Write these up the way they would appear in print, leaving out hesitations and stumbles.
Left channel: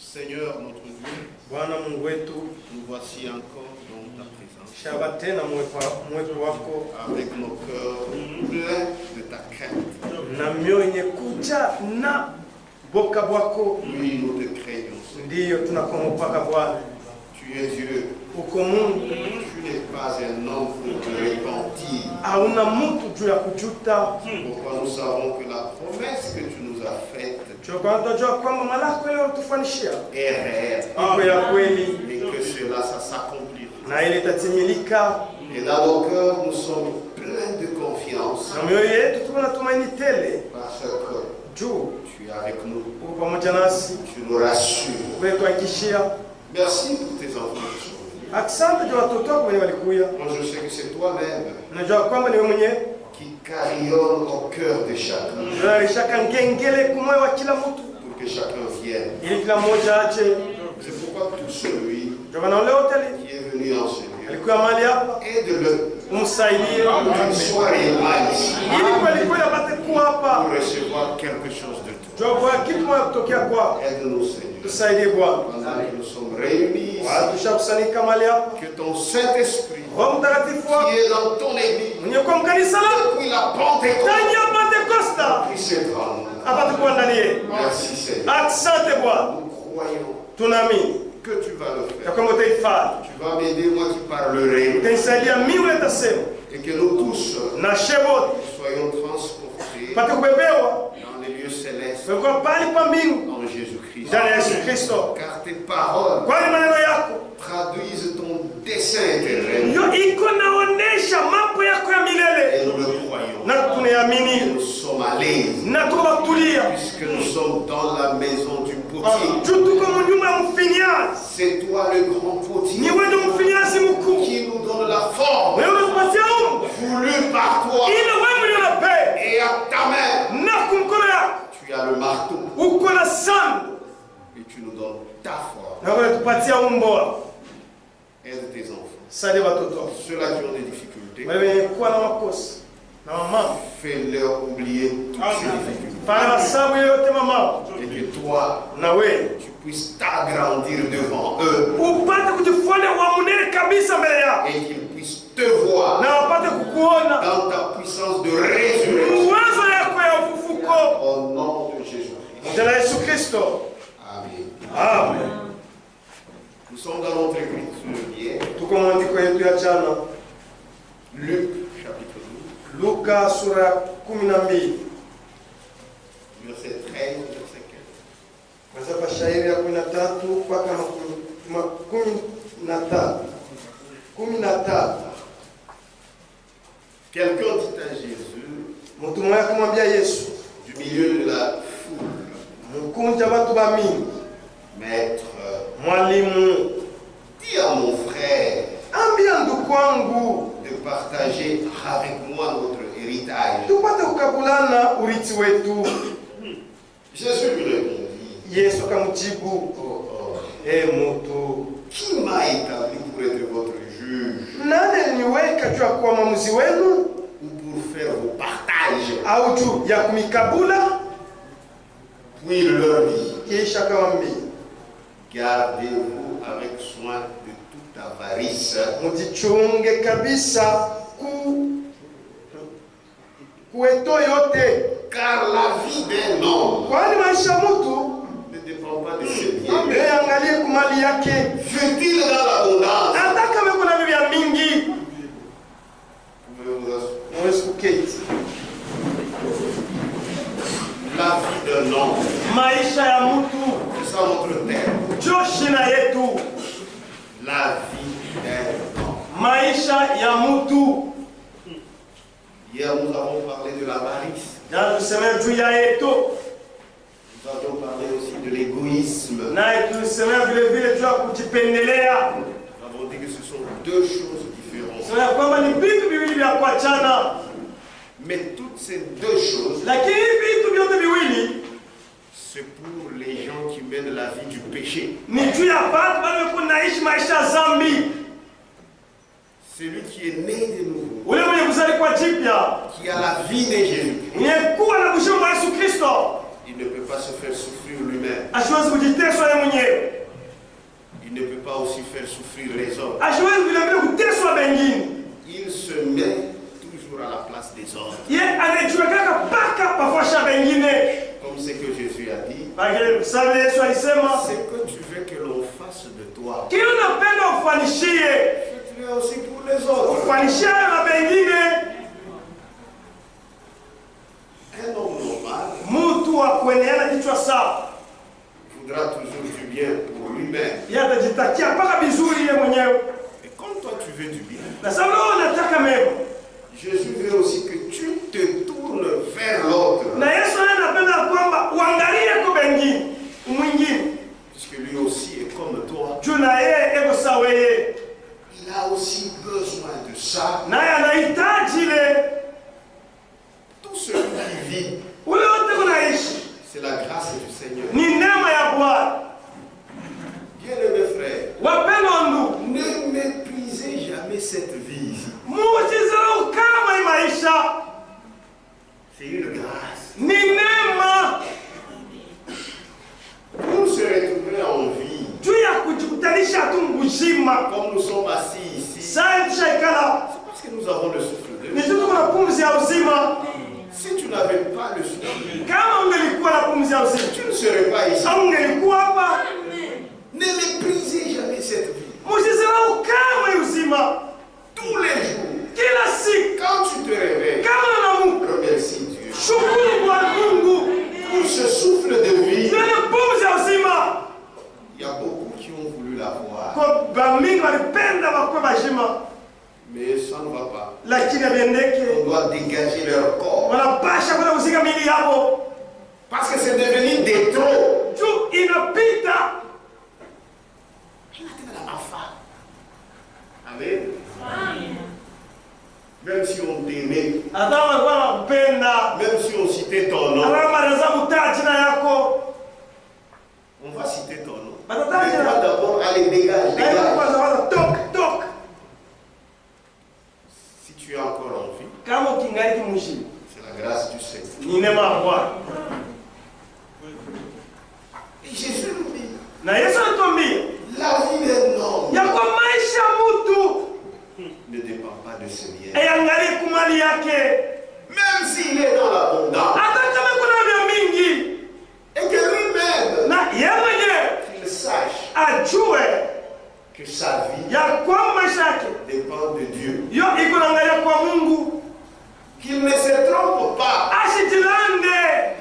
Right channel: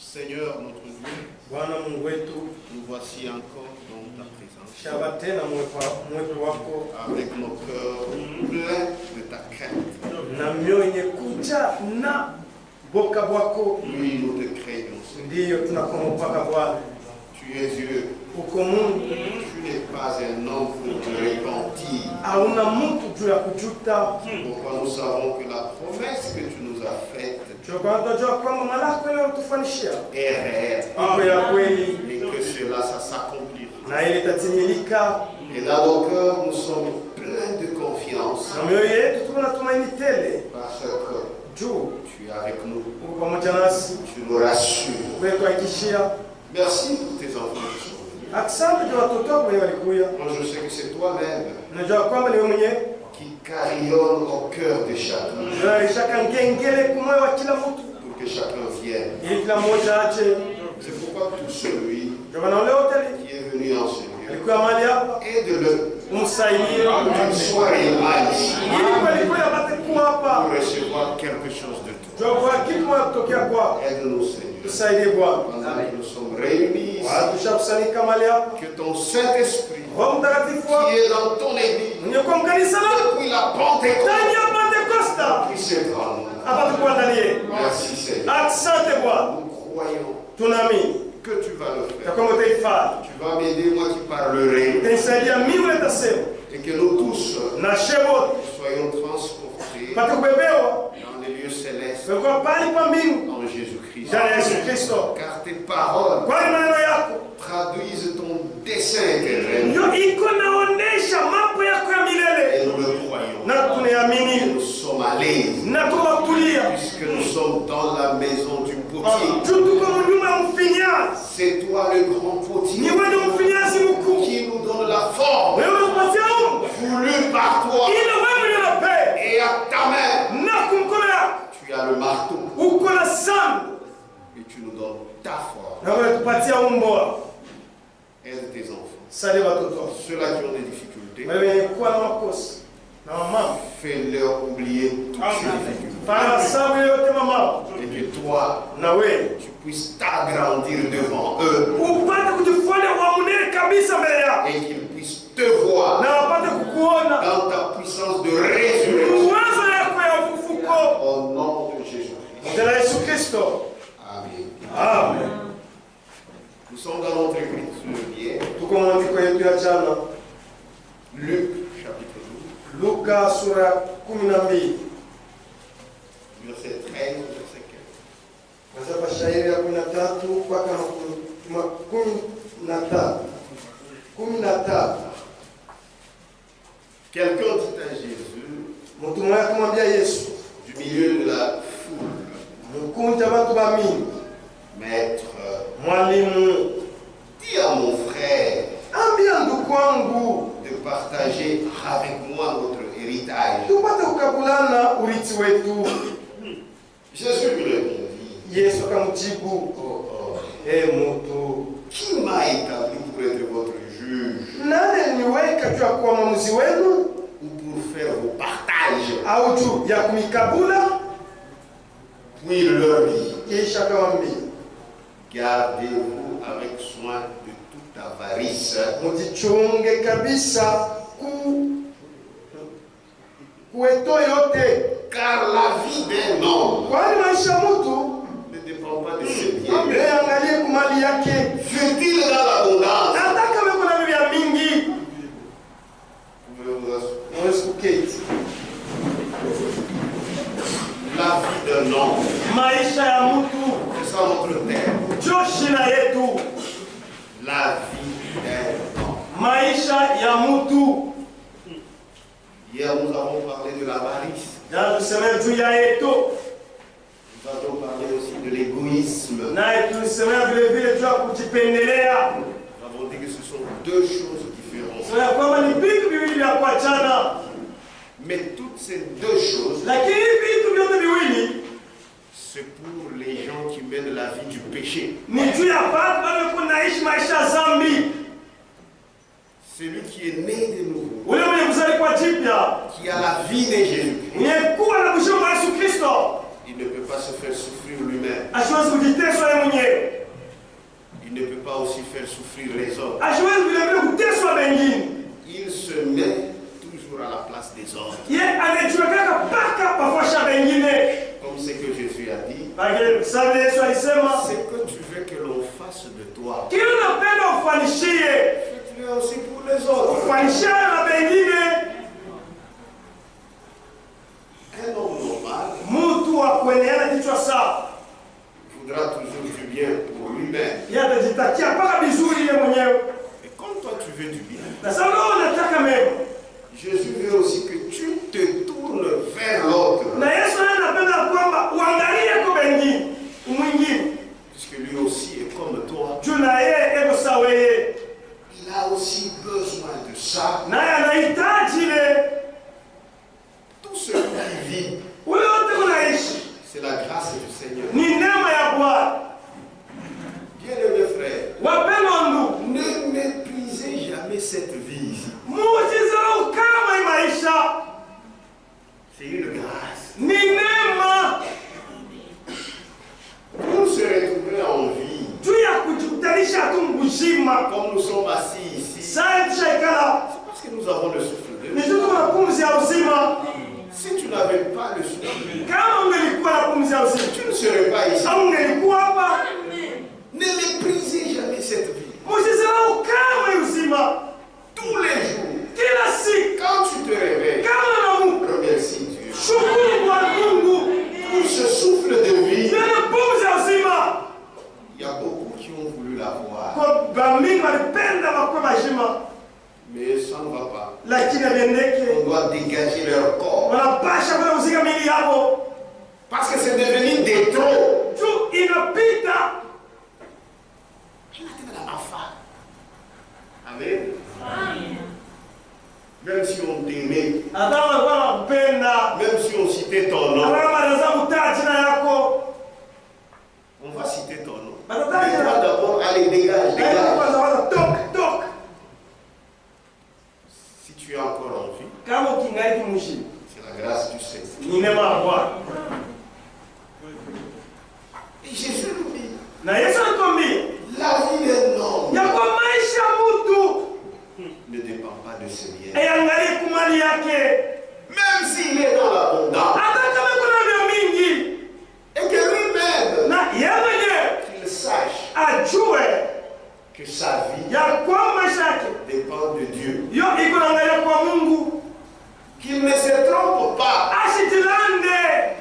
Seigneur notre Dieu, nous voici encore dans ta présence, avec nos cœurs pleins de ta crainte. Oui, nous te craignons, Seigneur. Tu es Dieu. Tu n'es pas un homme pour te repentir. Pourquoi nous savons que la promesse que tu nous as faite est réelle et que cela, ça s'accomplira. Et dans nos cœurs, nous sommes pleins de confiance parce que tu es avec nous. Tu nous rassures. Merci pour tes enfants. Moi, je sais que c'est toi-même qui carillonne au cœur de chacun pour que chacun vienne. C'est pourquoi tout celui qui est venu en ce lieu, aide-le d'une soirée là ici pour recevoir quelque chose de toi. Aide-nous, Seigneur. Pendant que nous sommes réunis ici, que ton Saint-Esprit qui est dans ton église depuis la Pentecôte puisse être en nous. Merci, Seigneur. Nous croyons que tu vas le faire. Tu vas m'aider, moi qui parlerai, et que nous tous soyons transportés dans les lieux célestes en Jésus-Christ. Car tes paroles traduisent ton dessein éternel. Et nous le croyons. Et nous sommes à l'aise puisque nous sommes dans la maison du potier. C'est toi le grand potier qui nous donne la forme voulue par toi. Et à ta main, tu as le marteau. Et tu nous donnes ta forme. Aide tes enfants. Ceux-là qui ont des difficultés, fais-leur oublier toutes ces difficultés. Et que toi, tu puisses t'agrandir devant eux. Et qu'ils puissent te voir dans ta puissance de résurrection. Au nom de Jésus-Christ. Amen. Nous sommes dans notre écriture hier. Luc chapitre 12. Verset 13, verset 15. Quelqu'un dit à Jésus, du milieu de la foule, Maître, dis à mon frère de partager avec moi notre héritage. Jésus lui répondit, qui m'a établi pour être votre juge ou pour faire vos partages? Puis il leur dit, gardez-vous avec soin de toute avarice, car la vie d'un homme ne dépend pas de ses biens. Fut-il dans l'abondance? La vie d'un homme, c'est ça notre terme. La vie d'un homme. Hier nous avons parlé de l'avarice. Nous avons parlé aussi de l'égoïsme. Nous avons dit que ce sont deux choses différentes. Mais toutes ces deux choses, c'est pour les gens qui mènent la vie du péché. Celui qui est né de nouveau, qui a la vie de Jésus-Christ, il ne peut pas se faire souffrir lui-même. souffrir les autres. Il se met toujours à la place des autres. Comme ce que Jésus a dit, c'est que tu veux que l'on fasse de toi. Fais-le aussi pour les autres. Un homme normal voudra toujours du bien pour lui-même. Et comme toi tu veux du bien, Jésus veut aussi que tu te tournes vers l'autre. Puisque lui aussi est comme toi. Il a aussi besoin de ça. Tout celui qui vit, c'est la grâce du Seigneur. Bien-aimés frères, ne méprisez jamais cette vie ici. C'est une grâce. Pour se retrouver en vie, comme nous sommes assis ici, c'est parce que nous avons le souffle de Dieu. Si tu n'avais pas le souffle, tu ne serais pas ici. Ne méprisez jamais cette vie. Tous les jours, quand tu te réveilles, remercie Dieu pour ce souffle de vie. Il y a beaucoup qui ont voulu l'avoir, mais ça ne va pas. On doit dégager leur corps, parce que c'est devenu des trop. Amen. Même si on t'aimait, même si on citait ton nom, on va citer ton nom. Mais toi d'abord, allez, dégage. Si tu es encore en vie, c'est la grâce du Seigneur. Et Jésus nous dit, la vie d'un homme ne dépend pas de ses biens. Même s'il est dans l'abondance. Et que lui-même, qu'il sache que sa vie dépend de Dieu. Qu'il ne se trompe pas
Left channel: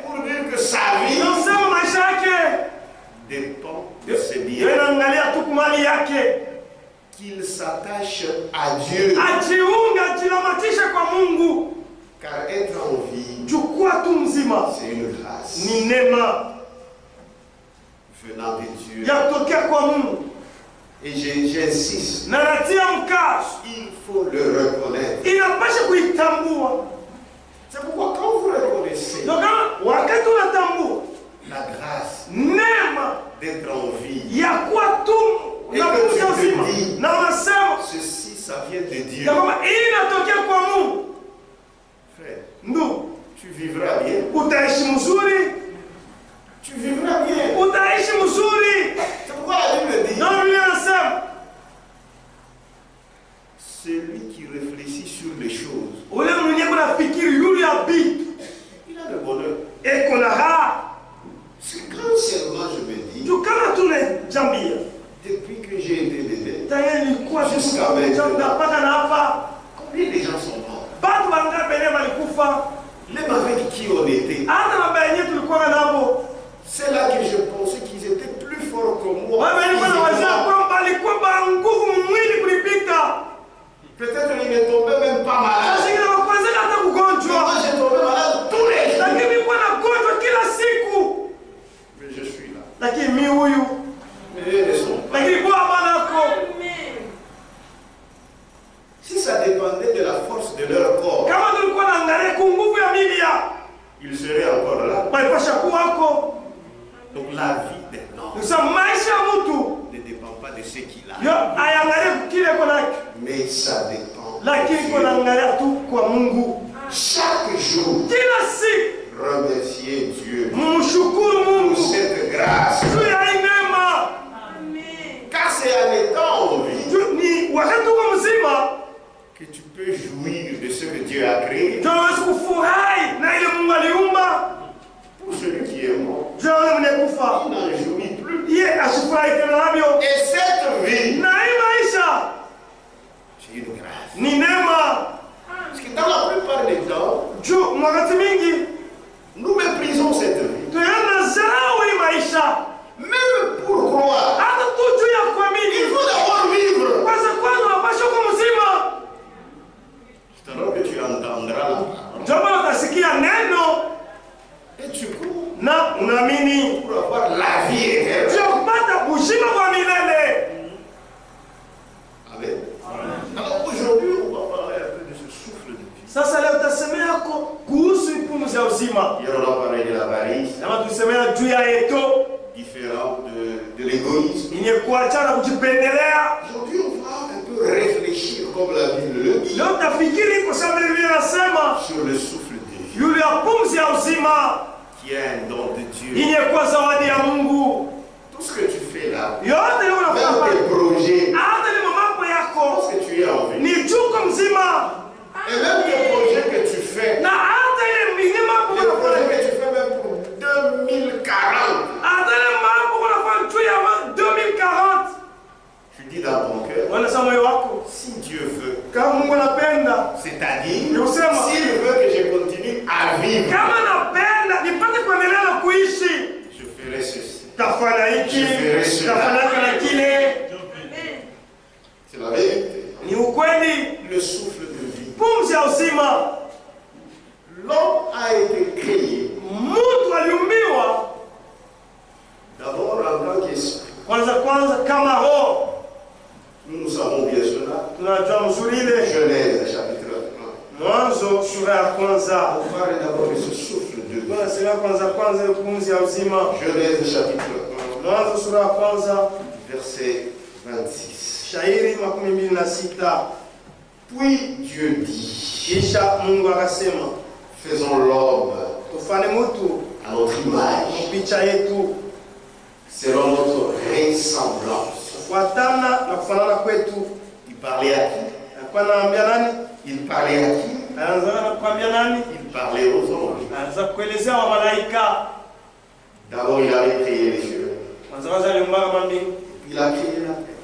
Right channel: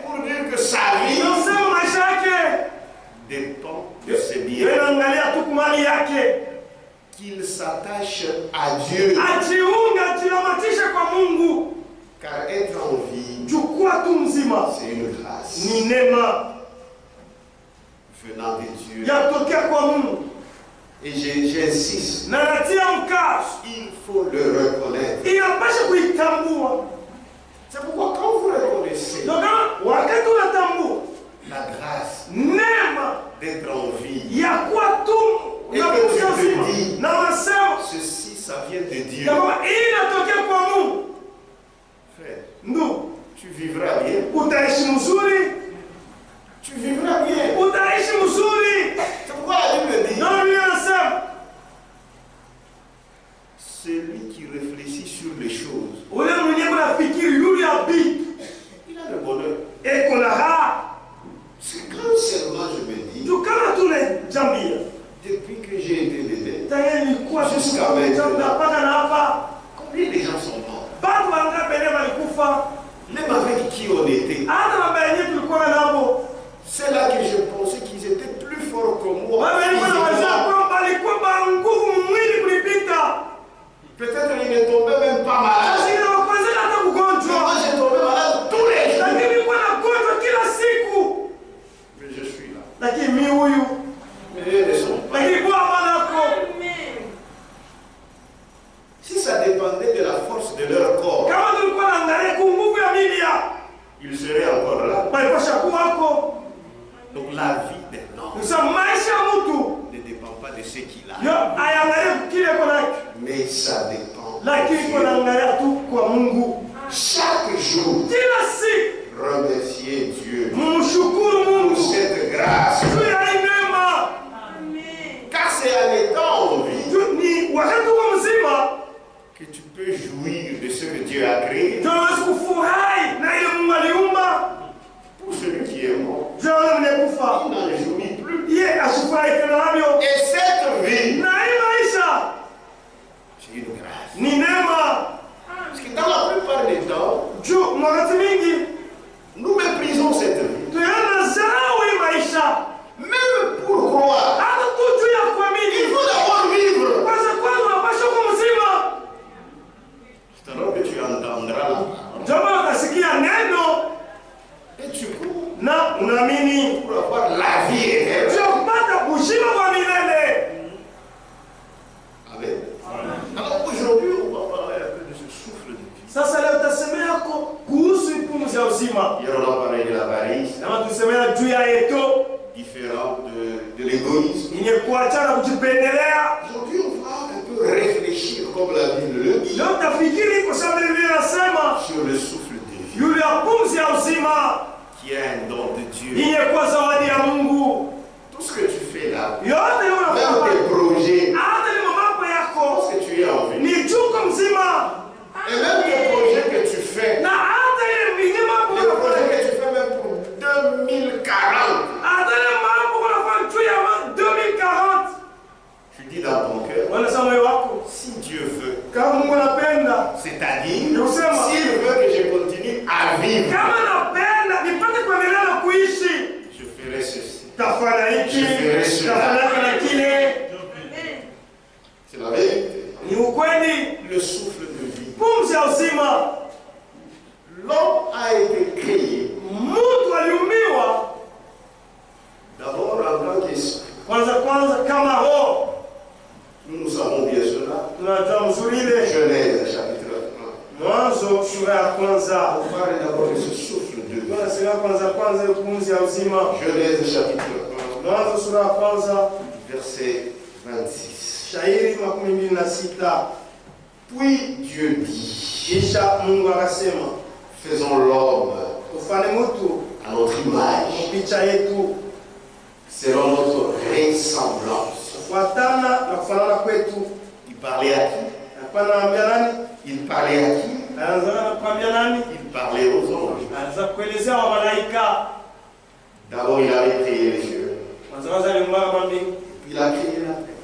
pour dire que sa vie dépend de ses biens. Qu'il s'attache à Dieu. Car être en vie, c'est une grâce venant de Dieu. Et j'insiste, il faut le reconnaître. C'est pourquoi quand vous reconnaissez la grâce d'être en vie, et que tu te dis, ceci, ça vient de Dieu. Frère, tu vivras bien. Tu vivras bien. C'est pourquoi la Bible dit, celui qui réfléchit sur les choses, il a le bonheur. C'est quand seulement je me dis, depuis que j'ai été bébé, jusqu'à maintenant, combien de gens sont morts? Même avec qui on était. C'est là que je pensais qu'ils étaient plus forts que moi. Peut-être qu'ils ne tombaient même pas malades. Moi j'ai tombé malade tous les jours. Mais je suis là. Mais eux ne sont pas. Si ça dépendait de la force de leur corps, ils seraient encore là. Donc la vie d'un homme ne dépend pas de ce qu'il a, mais ça dépend de Dieu. Chaque jour, remercier Dieu pour cette grâce. Car c'est en étant en Dieu a créé. Pour celui qui est mort, il n'en jouit plus. Et cette vie, c'est une grâce. Parce que dans la plupart des temps, nous méprisons cette vie. Même pour croire, il faut d'abord vivre. C'est alors que tu entendras la parole. Et tu crois pour avoir la vie éternelle. Amen. Alors aujourd'hui, on va parler un peu de ce souffle de vie. Hier, on a parlé de l'avarice, différent de l'égoïsme. Aujourd'hui, on va un peu réfléchir, comme la Bible le dit, sur le souffle de vie, qui est un don de Dieu. Tout ce que tu fais là, même tes projets, parce que tu es en vie, et même tes projets que tu fais, les projets que tu fais même pour 2040, tu dis dans ton cœur, si Dieu veut, c'est-à-dire, s'il veut que je continue à vivre, je ferai ceci, je ferai cela. C'est la vérité. Le souffle de vie. L'homme a été créé d'abord en tant qu'esprit. Nous savons bien cela. Genèse chapitre 1. On parle d'abord de ce souffle de vie. Genèse chapitre 1. Verset 26. Puis Dieu dit, faisons l'homme à notre image, selon notre ressemblance. Il parlait à qui? Il parlait à qui? Il parlait aux anges. D'abord, il avait créé les cieux. Il a créé la terre.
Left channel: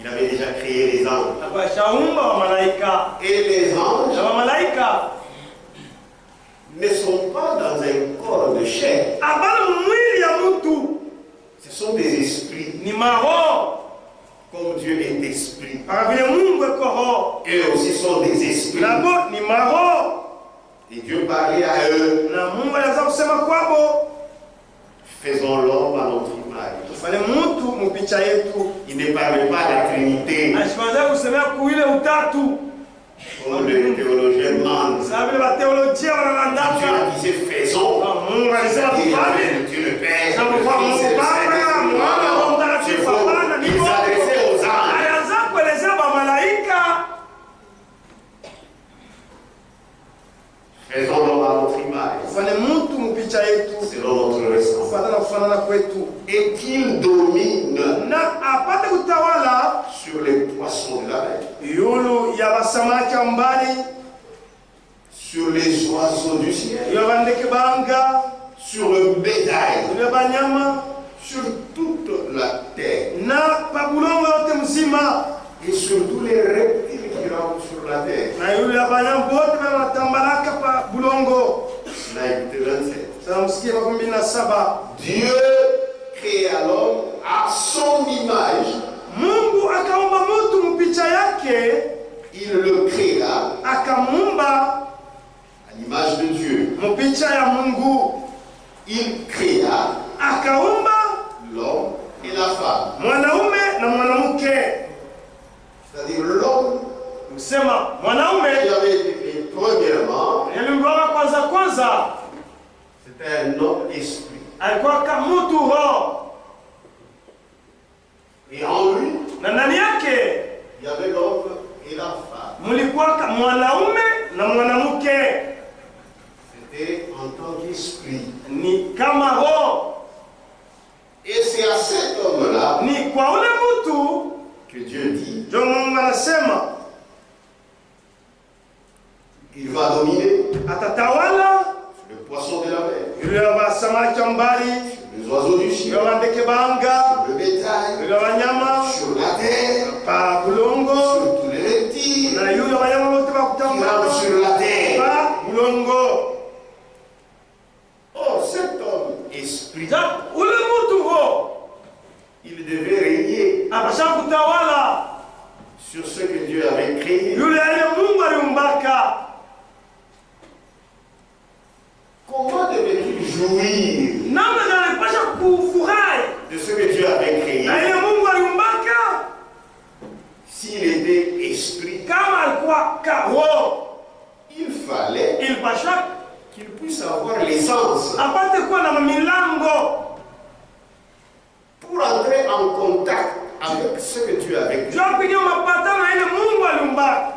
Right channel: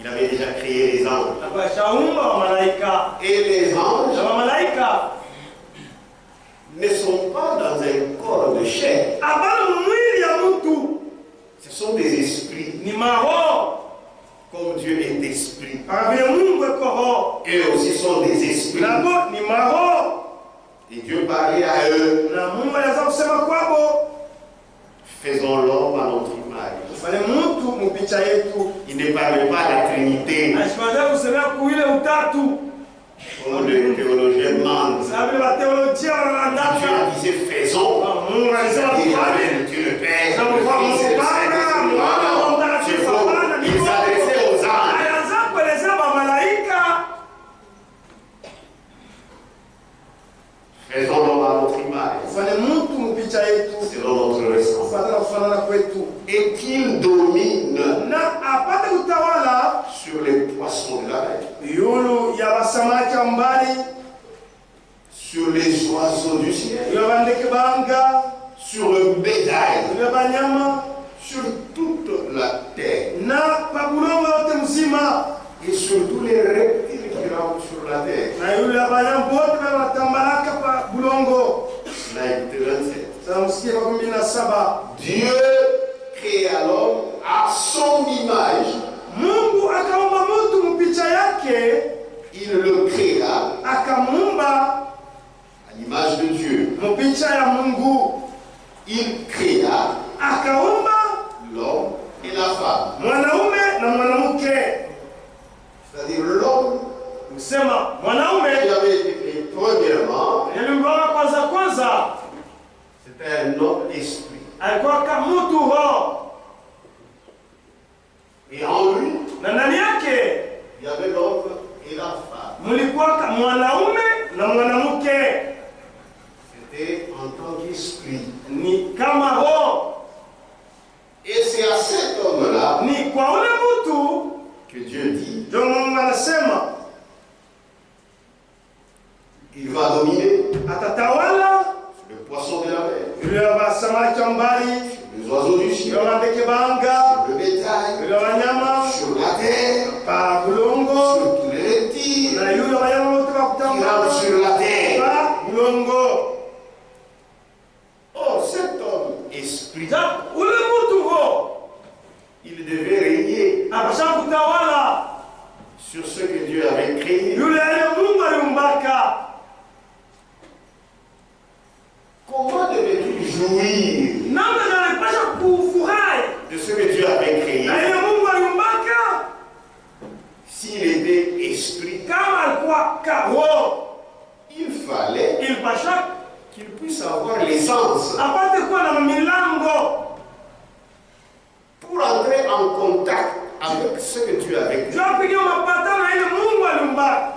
Il avait déjà créé les anges. Et les anges ne sont pas dans un corps de chair. Ce sont des esprits. Comme Dieu est esprit. Eux aussi sont des esprits. Et Dieu parlait à eux. Faisons l'homme à notre image. Il ne parlait pas de la Trinité. Comme le théologien demande. Dieu disait faisons. C'est-à-dire avec Dieu le Père, le Fils et le Saint-Esprit. Il s'adressait aux anges. Faisons l'homme à notre image. Selon notre ressemblance. Et qu'il domine sur les poissons de la mer, sur les oiseaux du ciel, sur le bétail, sur toute la terre, et sur tous les reptiles qui rampent sur la terre. Dieu créa l'homme à son image. Il le créa à l'image de Dieu. Il créa l'homme et la femme. C'est-à-dire l'homme qui avait été fait premièrement, c'était un homme esprit. Et en lui, il y avait l'homme et la femme. C'était en tant qu'esprit. Et c'est à cet homme-là que Dieu dit, atatawala sur le poisson de la mer, juu ya wasamaki wa mbali, les oiseaux du ciel, juu ya ndege banga, le bétail, juu ya wanyama sur la terre, pa bulongo, sur tous les reptiles na juu ya wanyama wote wa qui kutambaa rampent sur la terre. pa bulongo. Oh, cet homme esprit, Ule mtu huo il devait régner apasha kutawala sur ce que Dieu avait créé. yule aliye Mungu aliumbaka. Comment devait-il jouir Namna gani alipasha kufurahi de ce que Dieu avait créé na ile Mungu aliumbaka s'il était esprit? kama alikuwa roho? Il fallait Ilipasha qu'il puisse avoir l'essence apate kuwa na milango pour entrer en contact avec ce que Dieu avait créé. juu ya kupiga mapatano na ile Mungu aliumbaka.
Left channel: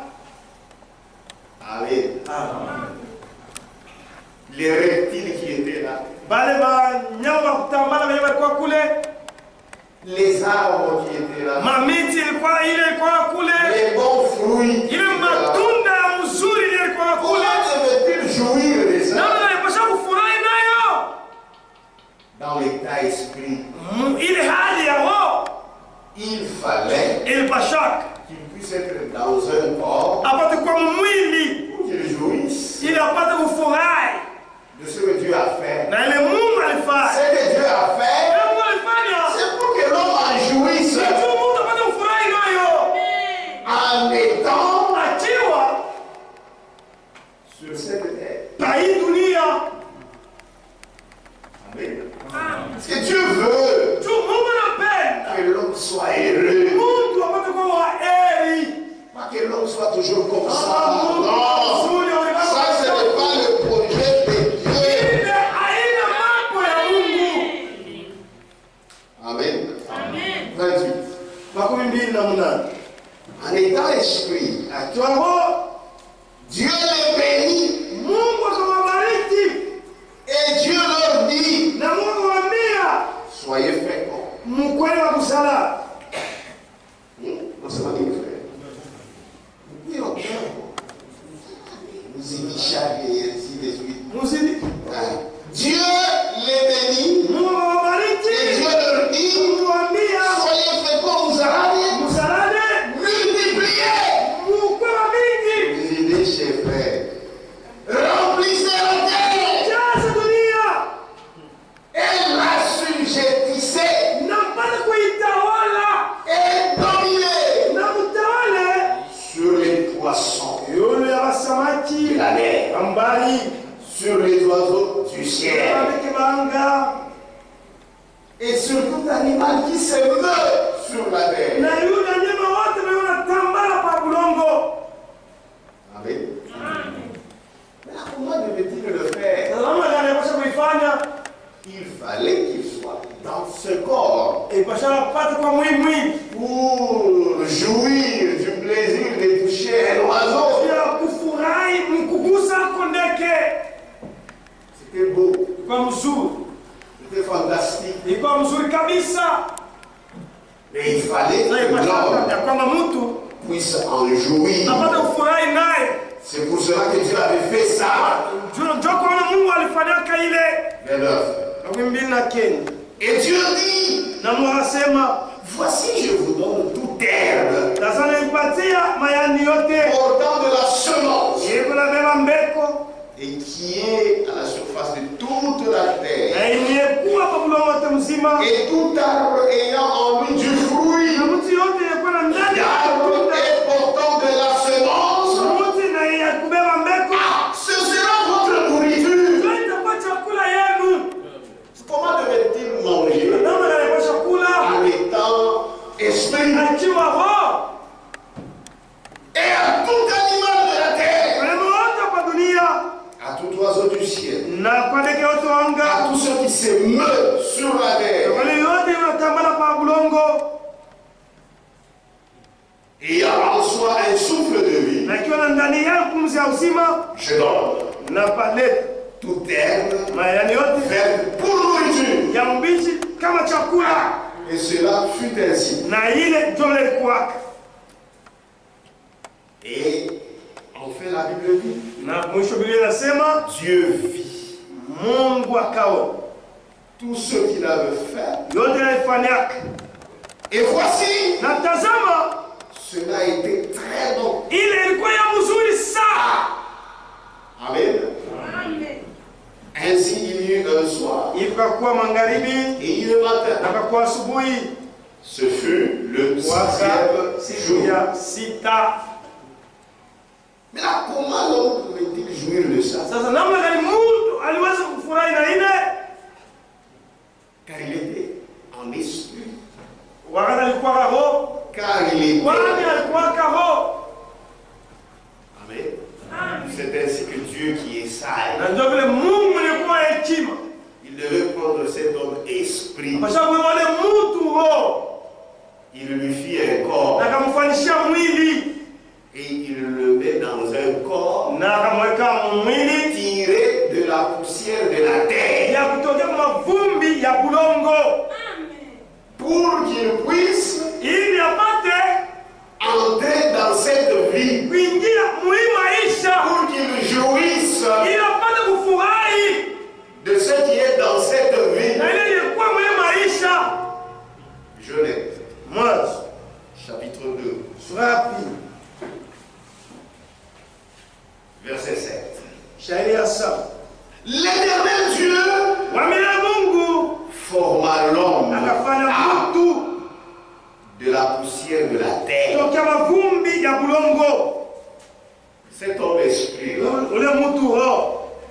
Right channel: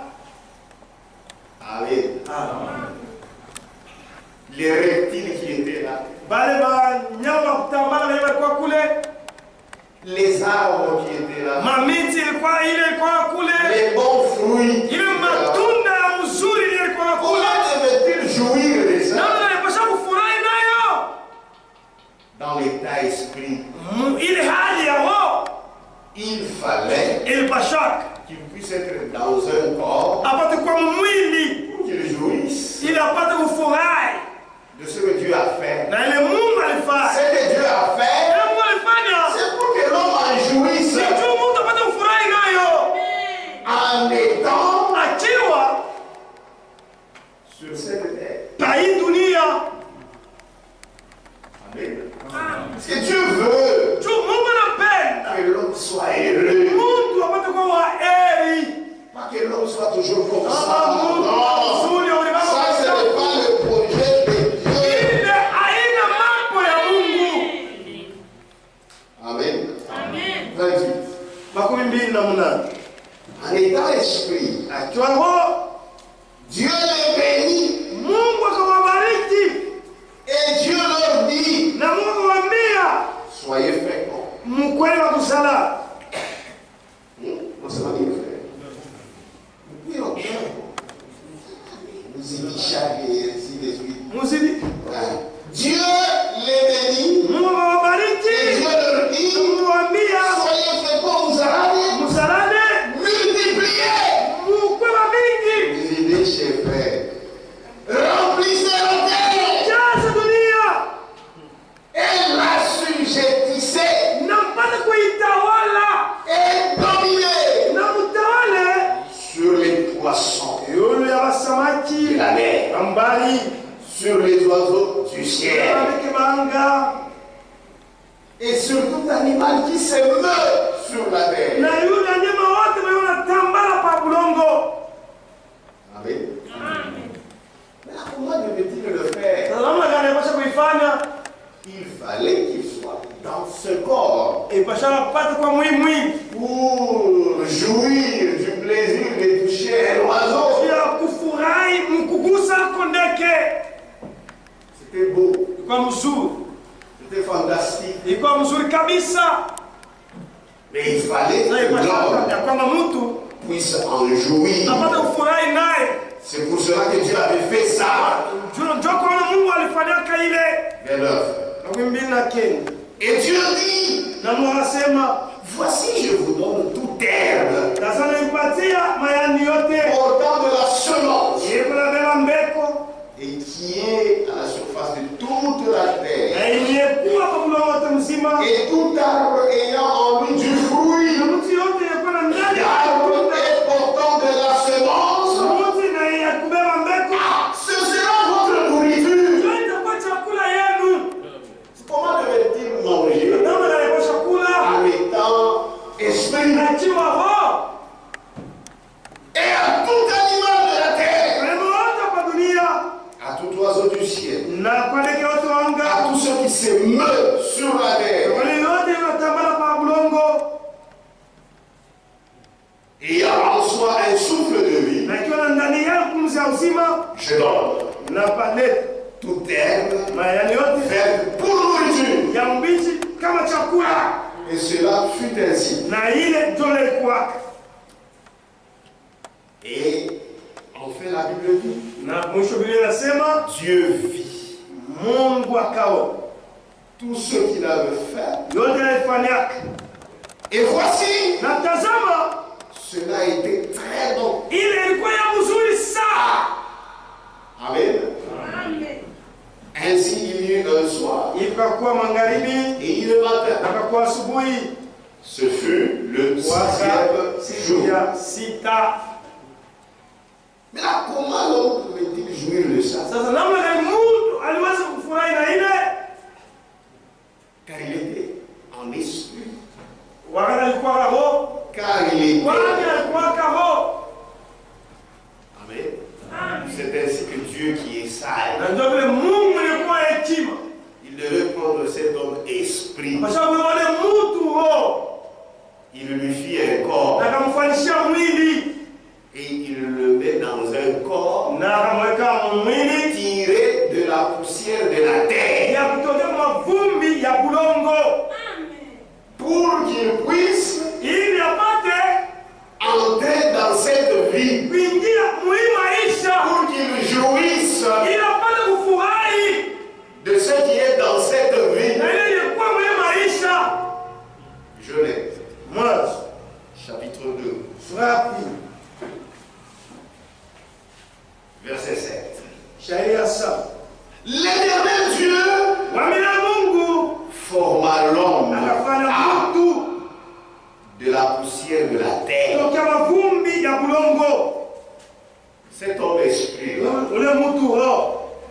Amen. Les reptiles qui étaient là, Bale banyama wa kutambala wenye walikuwa kule, les arbres qui étaient là, mamiti ilikuwa kule, les bons fruits qui ile étaient là. matunda ya mzuri ilikuwa kule. Comment devait-il jouir de ça Namna alipasha kufurahi nayo dans l'état esprit? ile hali ya roho. Il fallait Ilipasha qu'il puisse être dans un corps apate kuwa mwili pour qu'il jouisse ili apate kufurahi de ce que Dieu a fait. na ile Mungu alifanya. Ce que Dieu a fait, Ile Mungu alifanya c'est pour que l'homme en jouisse si tu mtu apate kufurahi nayo en étant akiwa sur cette terre. pa hii dunia. Amen. Parce que Dieu veut Tu Mungu anapenda que l'homme soit heureux. mtu apate kuwa wa heri. Pas que l'homme soit toujours comme Ah, ça. Mungu Non. mzuri wa ulimwengu. Ça, ce n'est pas le projet de Dieu. Ile aina mambo ya Mungu. Amen. 28. Makumi mbili na munane. En étant esprit, Akiwa roho, Dieu les bénit Mungu akawabariki et Dieu leur dit, na Mungu akamwambia soyez féconds. mkweli wa kusala. On se marie, frère. Oui, on peut. Nous y chaque et ainsi de suite. Muzidi. Dieu les bénit Mungu et akawabariki. Dieu leur dit, Akamwambia soyez féconds, vous allez msalane multiplier. mkwe wa mingi. Visitez chez frère. Remplissez la terre Jaza dunia et l'assujettissez na mpate kuitawala et dominez na mtawale sur les poissons yule ya de wasamaki la mer, ambali sur les oiseaux du ciel abeke banga et sur tout animal qui se meut sur la terre. na yule nyama wote wanatambala pa bulongo. Amen. Mais comment devait-il le faire? Namna gani yapasha kuifanya? Il fallait qu'il soit dans ce corps Ipasha apate kwa mwili pour jouir du plaisir de toucher un oiseau. ya kufurahi mkugusa kondeke. C'était beau, Ilikuwa mzuri, c'était fantastique. ilikuwa mzuri kabisa. Mais il fallait Na que ipasha l'homme ya kwamba mtu puisse en jouir. apate kufurahi naye. C'est pour cela que Dieu avait fait ça. Ndio kwa maana Mungu alifanyaka ile. Vers l'œuf. Makumi mbili na kenda. Et Dieu dit, Na Mungu akasema, voici je vous donne toute herbe sasa nipatia mayani yote portant de la semence iko na beba mbeko et qui est à la surface de toute la terre. na iliyekuwa kwa mlongo wote mzima Et tout arbre ayant en lui du fruit, na mtu yote ilikuwa na ndani ya l'arbre matunda. est portant de la semence, Mti na ya kubeba mbeko ce sera votre nourriture. ndio itakuwa chakula yenu. Comment devait-il manger? Namna gani kwa chakula En étant esprit. akiwa roho. Et à tout animal de la terre, Wanyama wote kwa dunia à tout oiseau du ciel, na kwa ndege wote wa à anga, tous ceux qui se meuvent sur la terre, wale yote wanatambala pa bulongo ayant en soi un souffle de vie, na ikiwa na ndani yao pumzi ya uzima je donne na palete toute herbe mayani yote verte pour nourriture. ya mbichi kama chakula. Et cela fut ainsi. Na ile ndio ilikuwa. Et Enfin, la Bible dit, Dieu vit. Tout ce qu'il avait fait. Et voici, cela a été très bon. Amen. Ainsi il y eut un soir et le matin. Ce fut le 6e jour. Mais là, comment l'homme pouvait-il jouir de ça? Car il était en esprit. Car il était. Amen. C'est ainsi que Dieu qui est sage, il devait prendre cet homme esprit. Il lui fit un corps. Et il le met dans un corps tiré de la poussière de la terre. Pour qu'il puisse entrer dans cette vie. Pour qu'il jouisse de ce qui est dans cette vie. Genèse, chapitre 2, verset 7. L'Éternel Dieu forma l'homme de la poussière de la terre. Cet homme esprit,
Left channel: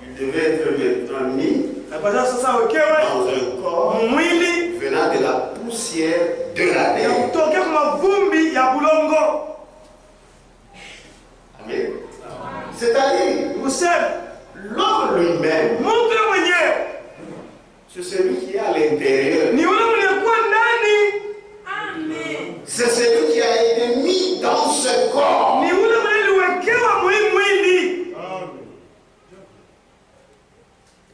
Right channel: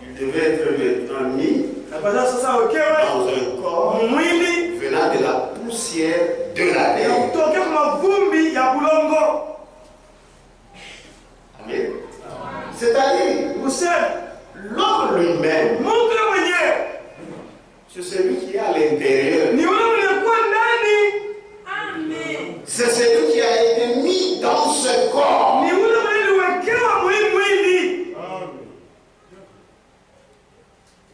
il devait être maintenant mis dans un corps venant de la poussière de la terre. Amen. C'est-à-dire, l'homme lui-même, c'est celui qui est à l'intérieur. C'est celui qui a été mis dans ce corps.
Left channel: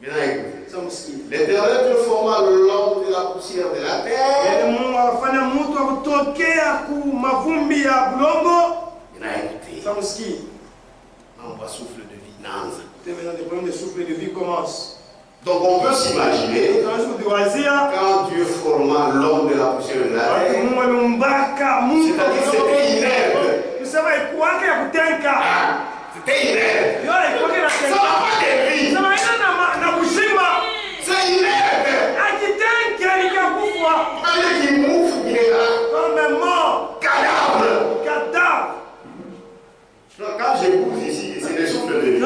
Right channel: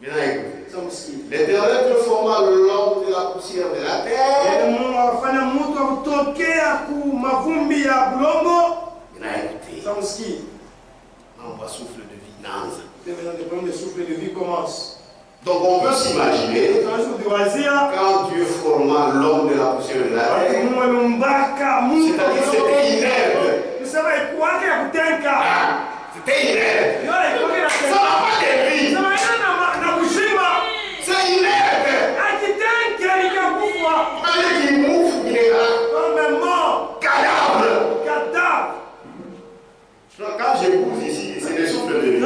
Maintenant écoutez, l'Éternel forma l'homme de la poussière de la terre. Maintenant écoutez, on va souffle de vie. Donc on peut s'imaginer, quand Dieu forma l'homme de la poussière de la terre, c'est-à-dire c'était inerte. C'était inerte. Ça n'a pas de vie. C'est inerte. Allez qui mouffe, il est là. Cadavre. Quand je pousse ici, c'est le souffle de vie.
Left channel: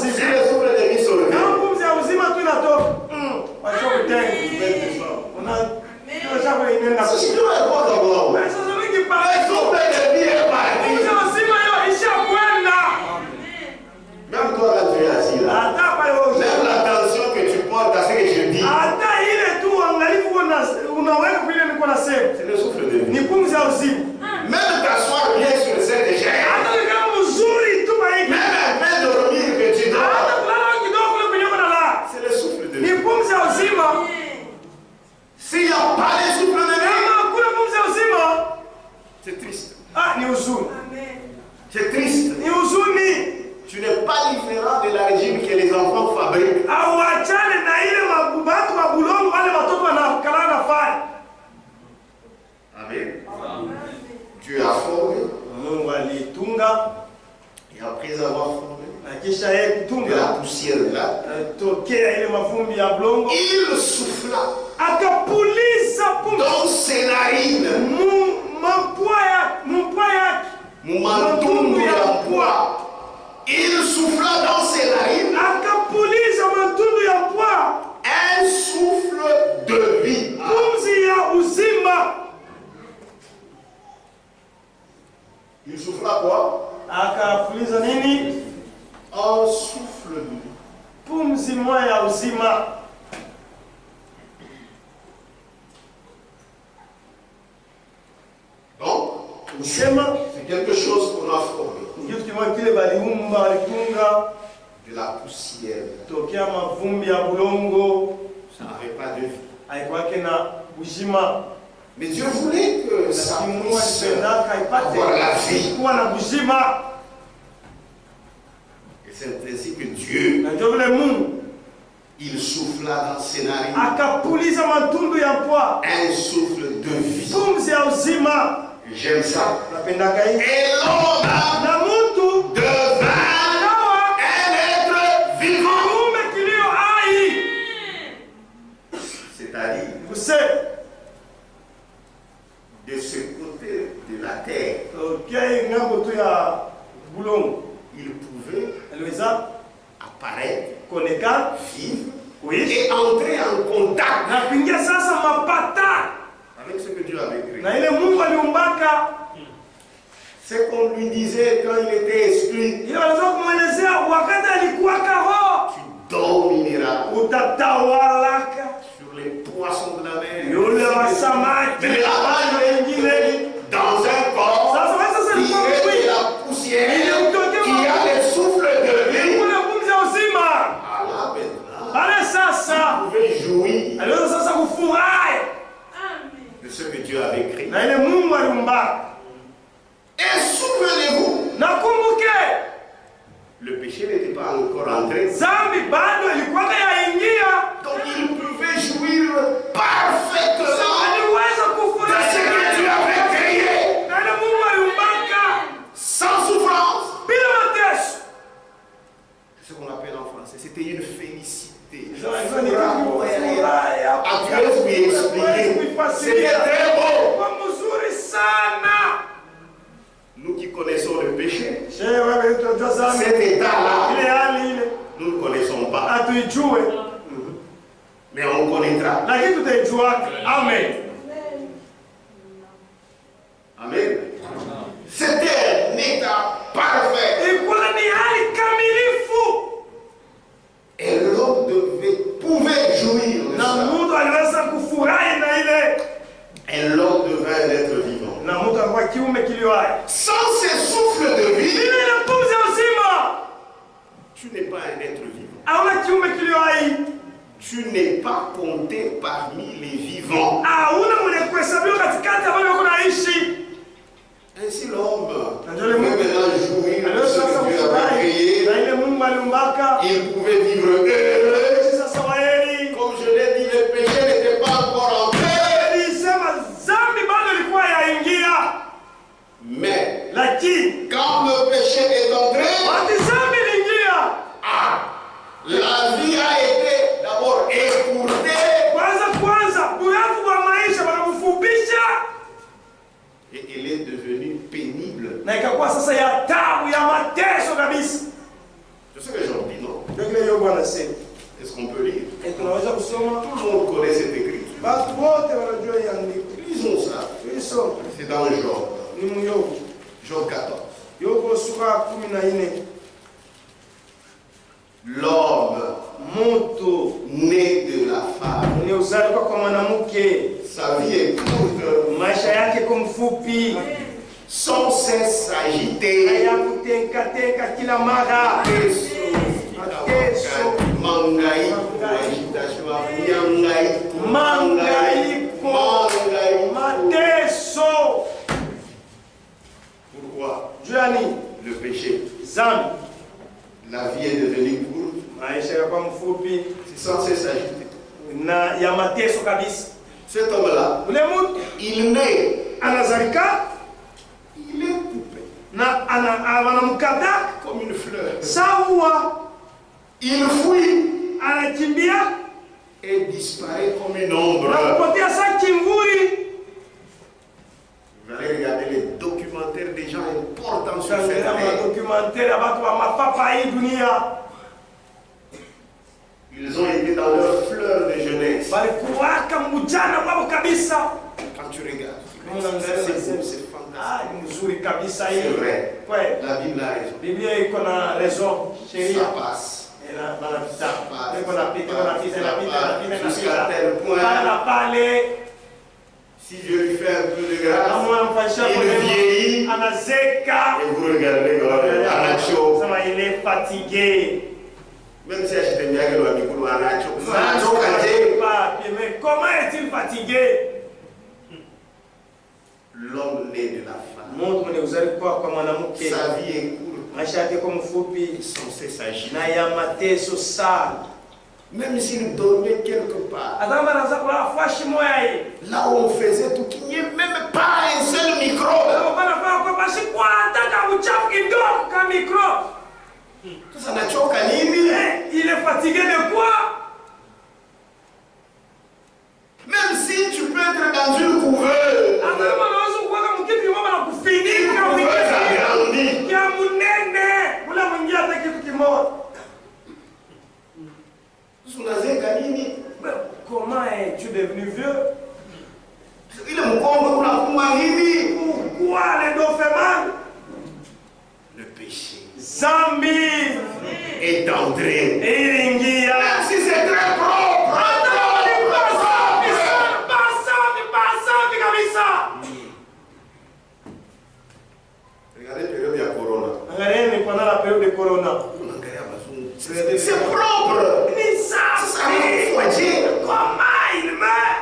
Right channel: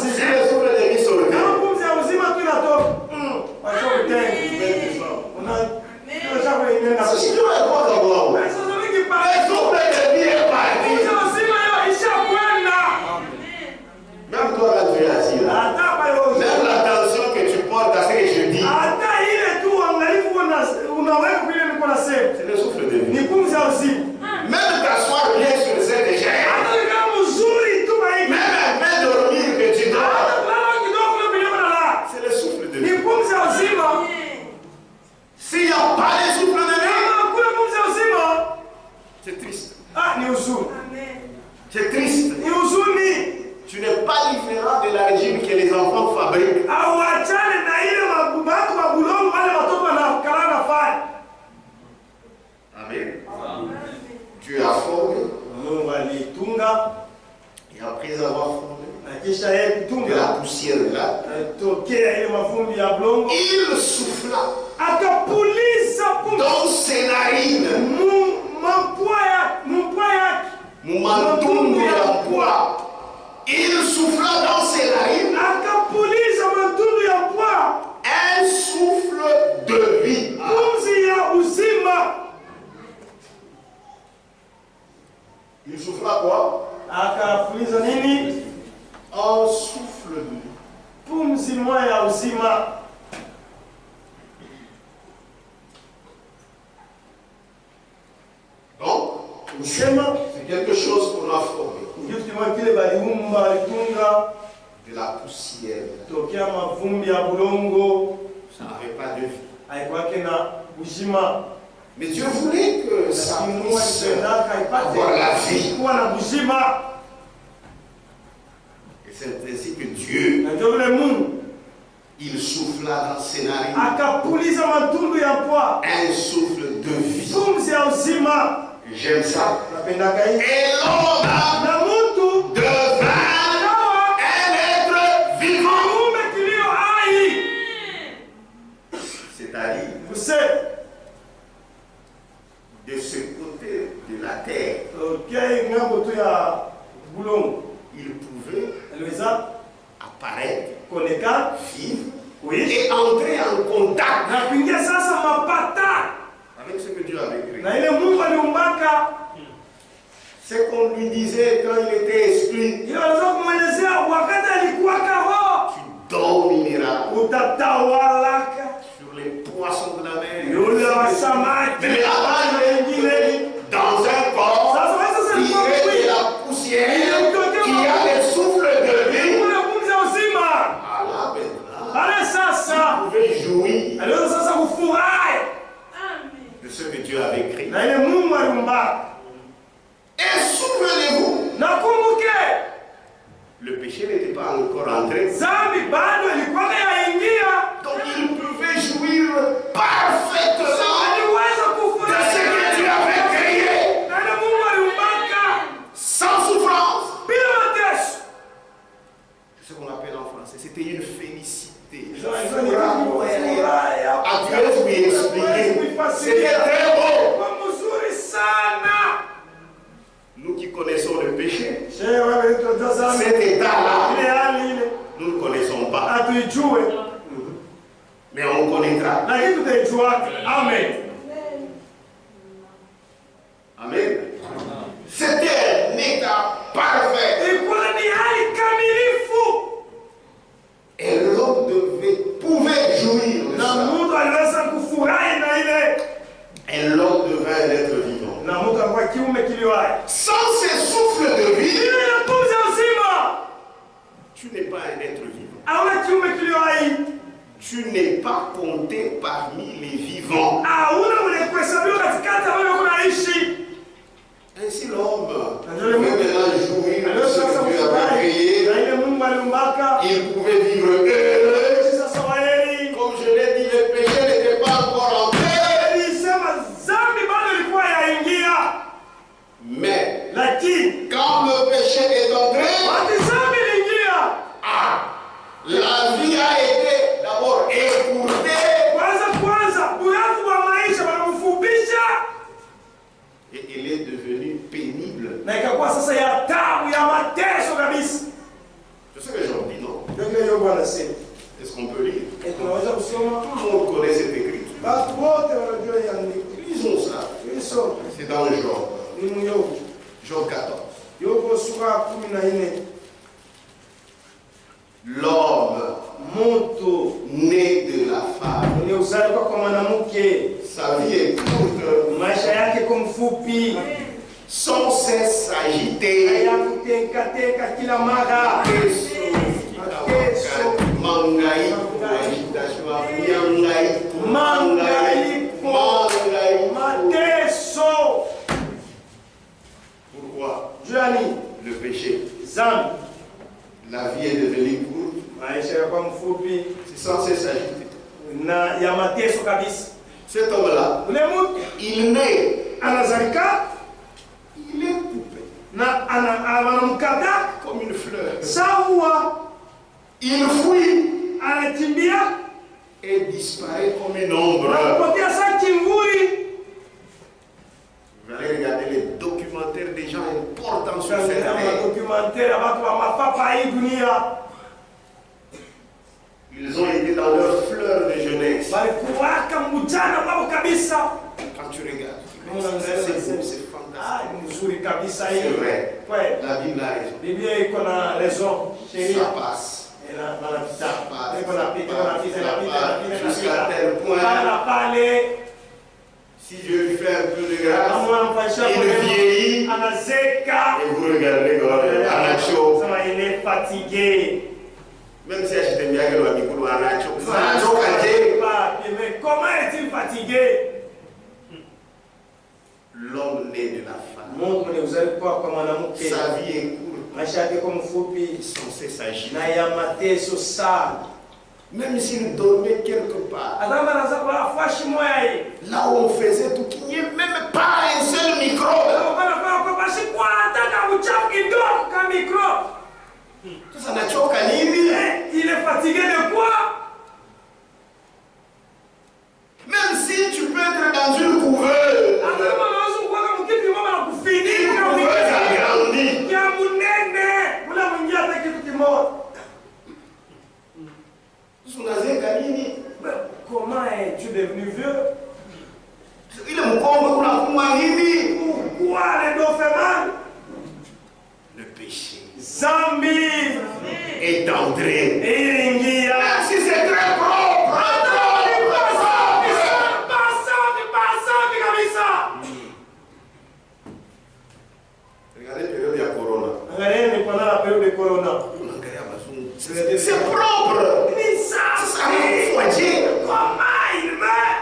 C'est le souffle de vie sur le terre. Si tu veux pas d'abord, le souffle de vie est parti. Même toi là tu es assis là. Même l'attention que tu portes à ce que je dis. C'est le souffle de vie. Même t'asseoir bien sur cette chaise. Même un peu dormir que tu dors. C'est le souffle de vie. S'il n'y a pas de souffle de vie, c'est triste. C'est triste. Tu n'es pas différent de la régime que les enfants fabriquent. Amen. Dieu a formé. Et après avoir formé de la poussière de la il souffla dans ses narines. Il souffla dans ses narines un souffle de vie. Il souffla quoi? Un souffle de vie. Donc, c'est quelque chose qu'on a formé. De la poussière. Ça n'avait pas de vie. Mais Dieu voulait que ça puisse avoir la vie. C'est ainsi que Dieu, il souffla dans le scénario un souffle de vie. J'aime ça. Et l'homme devint un être vivant. C'est-à-dire, de ce côté de la terre, il pouvait apparaître, vivre et entrer en contact avec ce que Dieu avait créé. C'est qu'on lui disait quand il était esprit, tu domineras sur les poissons de la mer. Mais là-bas, il est dans un corps qui est de la poussière, qui a le souffle de vie. Il pouvait jouir de ce que Dieu avait créé. Et souvenez-vous, le péché n'était pas encore entré. Donc il pouvait jouir parfaitement de ce que Dieu avait créé. Sans souffrance. C'est ce qu'on appelle en français. C'était une félicité. À Dieu lui expliquer. C'était très beau. Nous qui connaissons le péché, cet état-là, nous ne connaissons pas. Mais on connaîtra. Amen. Amen. C'était un état parfait. Et l'homme pouvait jouir de ça. Et l'homme devait être vivant. Sans ces souffles de vie, tu n'es pas un être vivant. Tu n'es pas compté parmi les vivants. Ainsi l'homme pouvait maintenant jouir de ce que Dieu avait créé. Il pouvait vivre heureux. Comme je l'ai dit, le péché n'était pas encore entré. Mais quand le péché est entré, la vie a été d'abord écourtée. Et elle est devenue pénible. C'est ce que j'en dis, non? Est-ce qu'on peut lire? Tout le monde connaît cette écriture. Lisons ça. C'est dans Job. Job 14. L'homme né de la femme, sa vie est courte, sans cesse agité, pourquoi? Le péché. La vie est devenue courte. C'est sans cesse agité. Cet homme-là, il naît. Il est coupé. Comme une fleur. Il fuit. Et disparaît comme une ombre. Vous allez regarder les documentaires des gens importants sur cette terre. Ils ont été dans leur fleur de jeunesse. Quand tu regardes, c'est fantastique. C'est vrai. La Bible a raison. Ça passe. Jusqu'à tel point, si Dieu lui fait un peu de grâce, il vieillit et vous regardez Anacho. Il est fatigué. Même si je t'aime bien que l'on a Anacho. Mais comment est-il fatigué? L'homme né de la femme. Sa vie est courte. maisha yake kwa mfupi, sans cesse agiter. na ya mateso sana. Même s'il dormait quelque part, là où on faisait tout, qu'il n'y ait même pas un seul microbe. Tout ça n'a choqué nini. Il est fatigué de quoi? Même si tu peux être dans une couveuse, comment es-tu devenu vieux? Il est mon comble, pourquoi les dos fait mal? le péché Zambi est entré. iringia. Même si c'est très propre. Regardez la période de Corona. Regardez pendant la période de Corona. C'est propre. Ça va dire. Comment il meurt?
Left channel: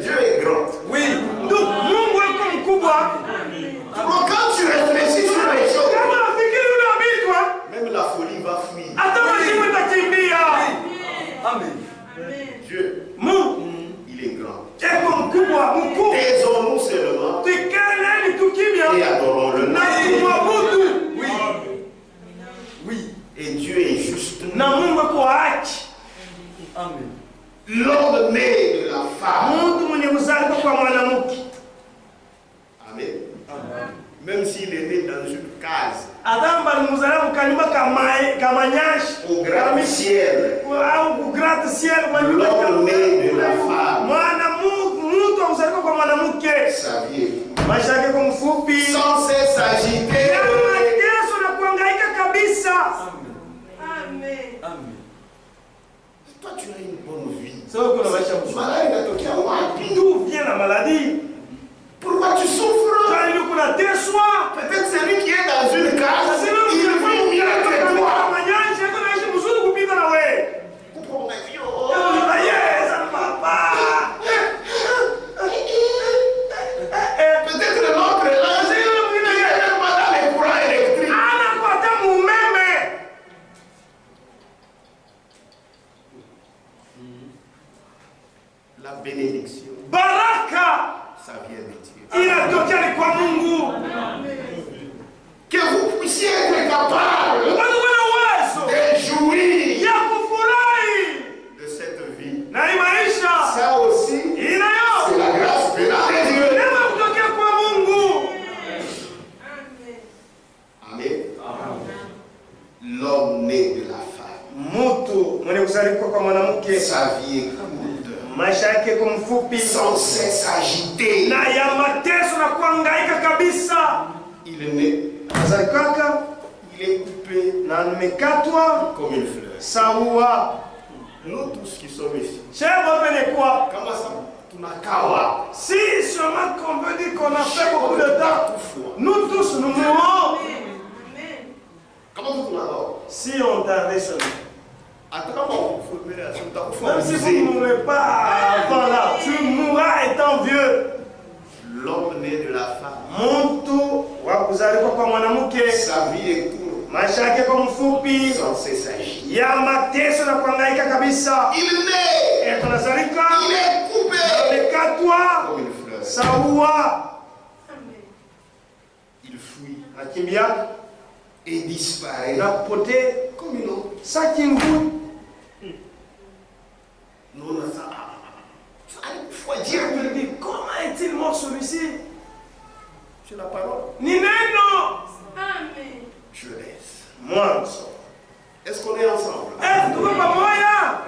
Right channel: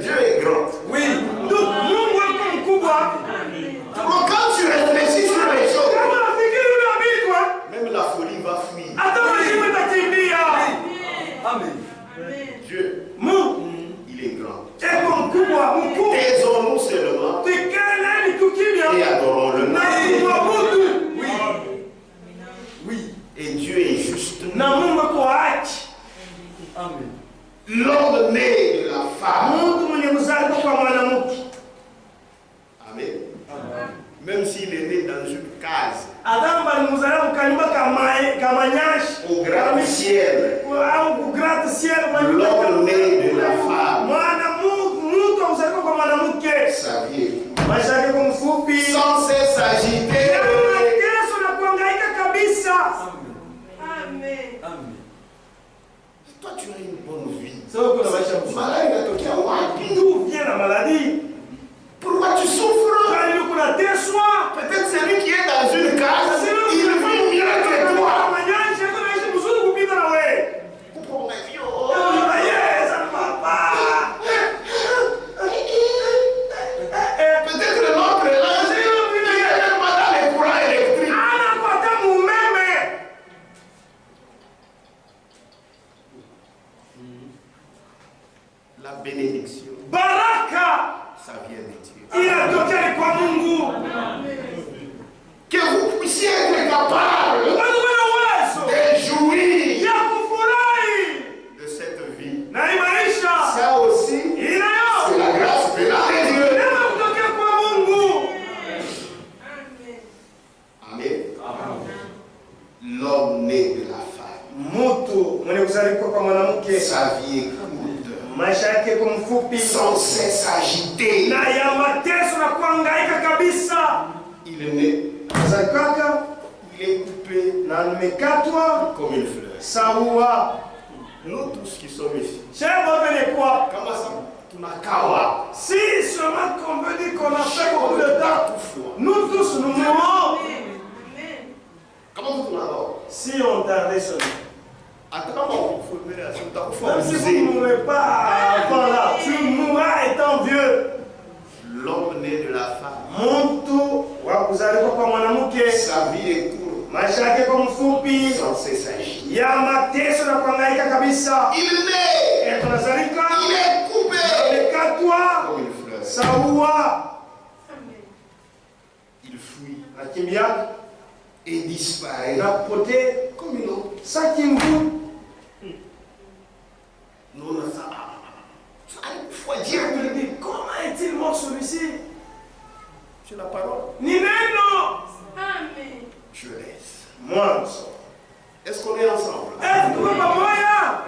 Dieu est grand. Oui. Donc, Mungu est comme Kuba. Donc, quand tu réfléchis sur les choses, même la folie va fuir. Amen. Dieu, il est grand. Taisons-nous seulement et adorons-le. Oui. Et Dieu est juste. Amen. L'homme né de la femme. Amen. Même s'il est né dans une case au gratte-ciel, l'homme né de la femme, sa vie est sans cesse agité. Toi, tu as une bonne vie. D'où vient la maladie? Pourquoi tu souffres? Peut-être celui qui est dans une case, il vit mieux que toi. Peut-être l'autre est là, il n'est même pas dans les courants électriques. La bénédiction, Baraka ça vient de Dieu. inatokea kwa Mungu. Que vous puissiez être capable de jouir Ya kufurahi de cette vie. na hii maisha Ça aussi, inayo c'est la grâce venant de Dieu. neema kutokea kwa Mungu. Amen. L'homme né de la femme, Mtu mwenye kuzaliwa kwa mwanamke, sa vie est courte, maisha yake kwa mfupi, sans cesse agité. na ya mateso na kuhangaika kabisa. Il est né, Azakaka il est coupé na amekatwa comme une fleur. sawa. Nous tous qui sommes ici, Chebo vene kwa comment ça, tunakawa, si seulement qu'on veut dire qu'on a fait beaucoup de temps, nous tous nous mourrons. comment vous tunakawa? Si on tardait seulement. Même si vous ne mourrez pas avant là, tu mourras étant vieux. L'homme né de la femme, Mtu wa kuzaliwa kwa mwanamke, sa vie est courte, maisha yake kwa mfupi, sans cesse agité. ya mateso na kuhangaika kabisa. Il naît, Tunazalika, il est coupé amekatwa comme une fleur. sawa, Il fuit nakimbia et disparaît na kupotea comme une autre. sakingu. Nous, on a ça. Il faut dire Je me dis, comment est-il mort celui-ci? c'est la parole. Ni neno. Jeunesse. Mwanzo. Est-ce qu'on est ensemble? Tuko pamoja?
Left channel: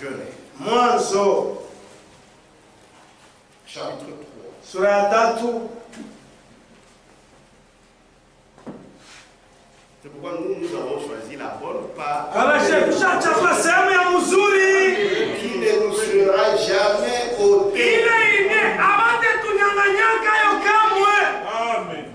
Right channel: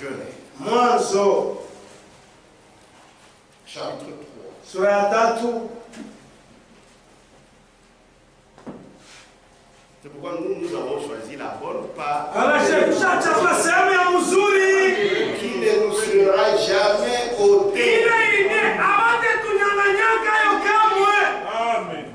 Jeunesse. Mwanzo Chapitre 3. sura ya 3. C'est pourquoi nous avons choisi la bonne part Anachagua sehemu ya mzuri qui ne nous sera jamais ôtée. ile abate tunyang'anyaka yo kamwe. Amen.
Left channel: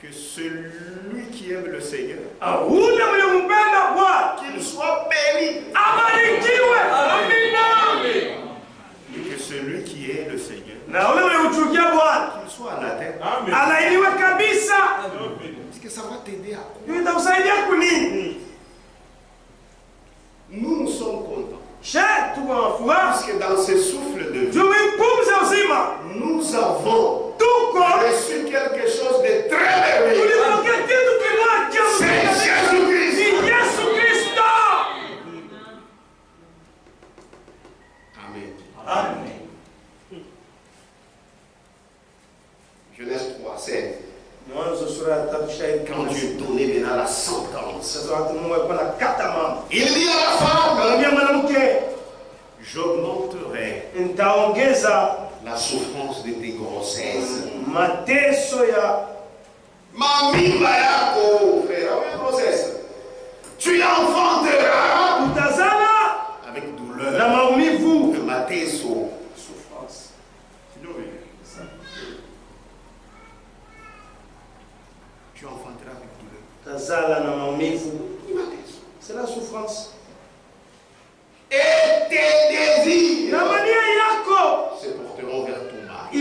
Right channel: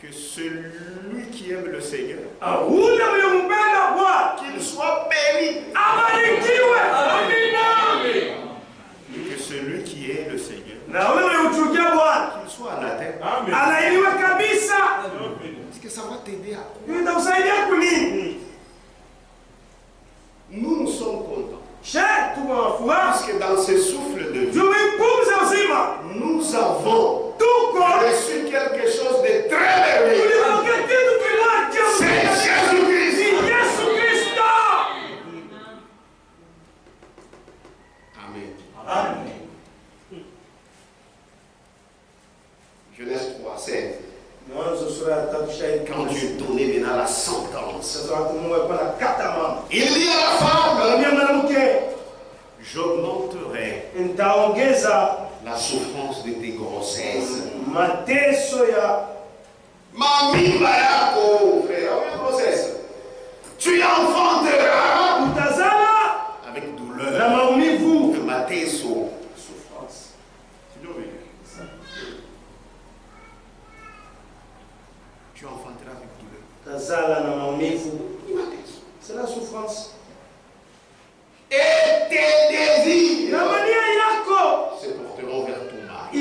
Que celui qui aime le Seigneur, Ule mwenye mpenda Bwana qu'il soit béni. abarikiwe. Amina. Et que celui qui est le Seigneur, Na ule mwenye uchukia Bwana qu'il soit anathème. alainiwe kabisa. dit que ça va t'aider à quoi? Nous sommes contents. Parce que dans ce souffle de vie, nous avons reçu quelque chose de très merveilleux. C'est Jésus-Christ. Amen. Amen. Genèse 3, 7. Quand Dieu donnait maintenant la sentence, il dit à la femme, j'augmenterai la souffrance de tes grossesses. Mamie Bayako, frère, grossesse. Tu enfanteras avec douleur. Mateso. Souffrance. Tu enfanteras avec douleur. C'est la souffrance. Et tes désirs se porteront vers ton mari.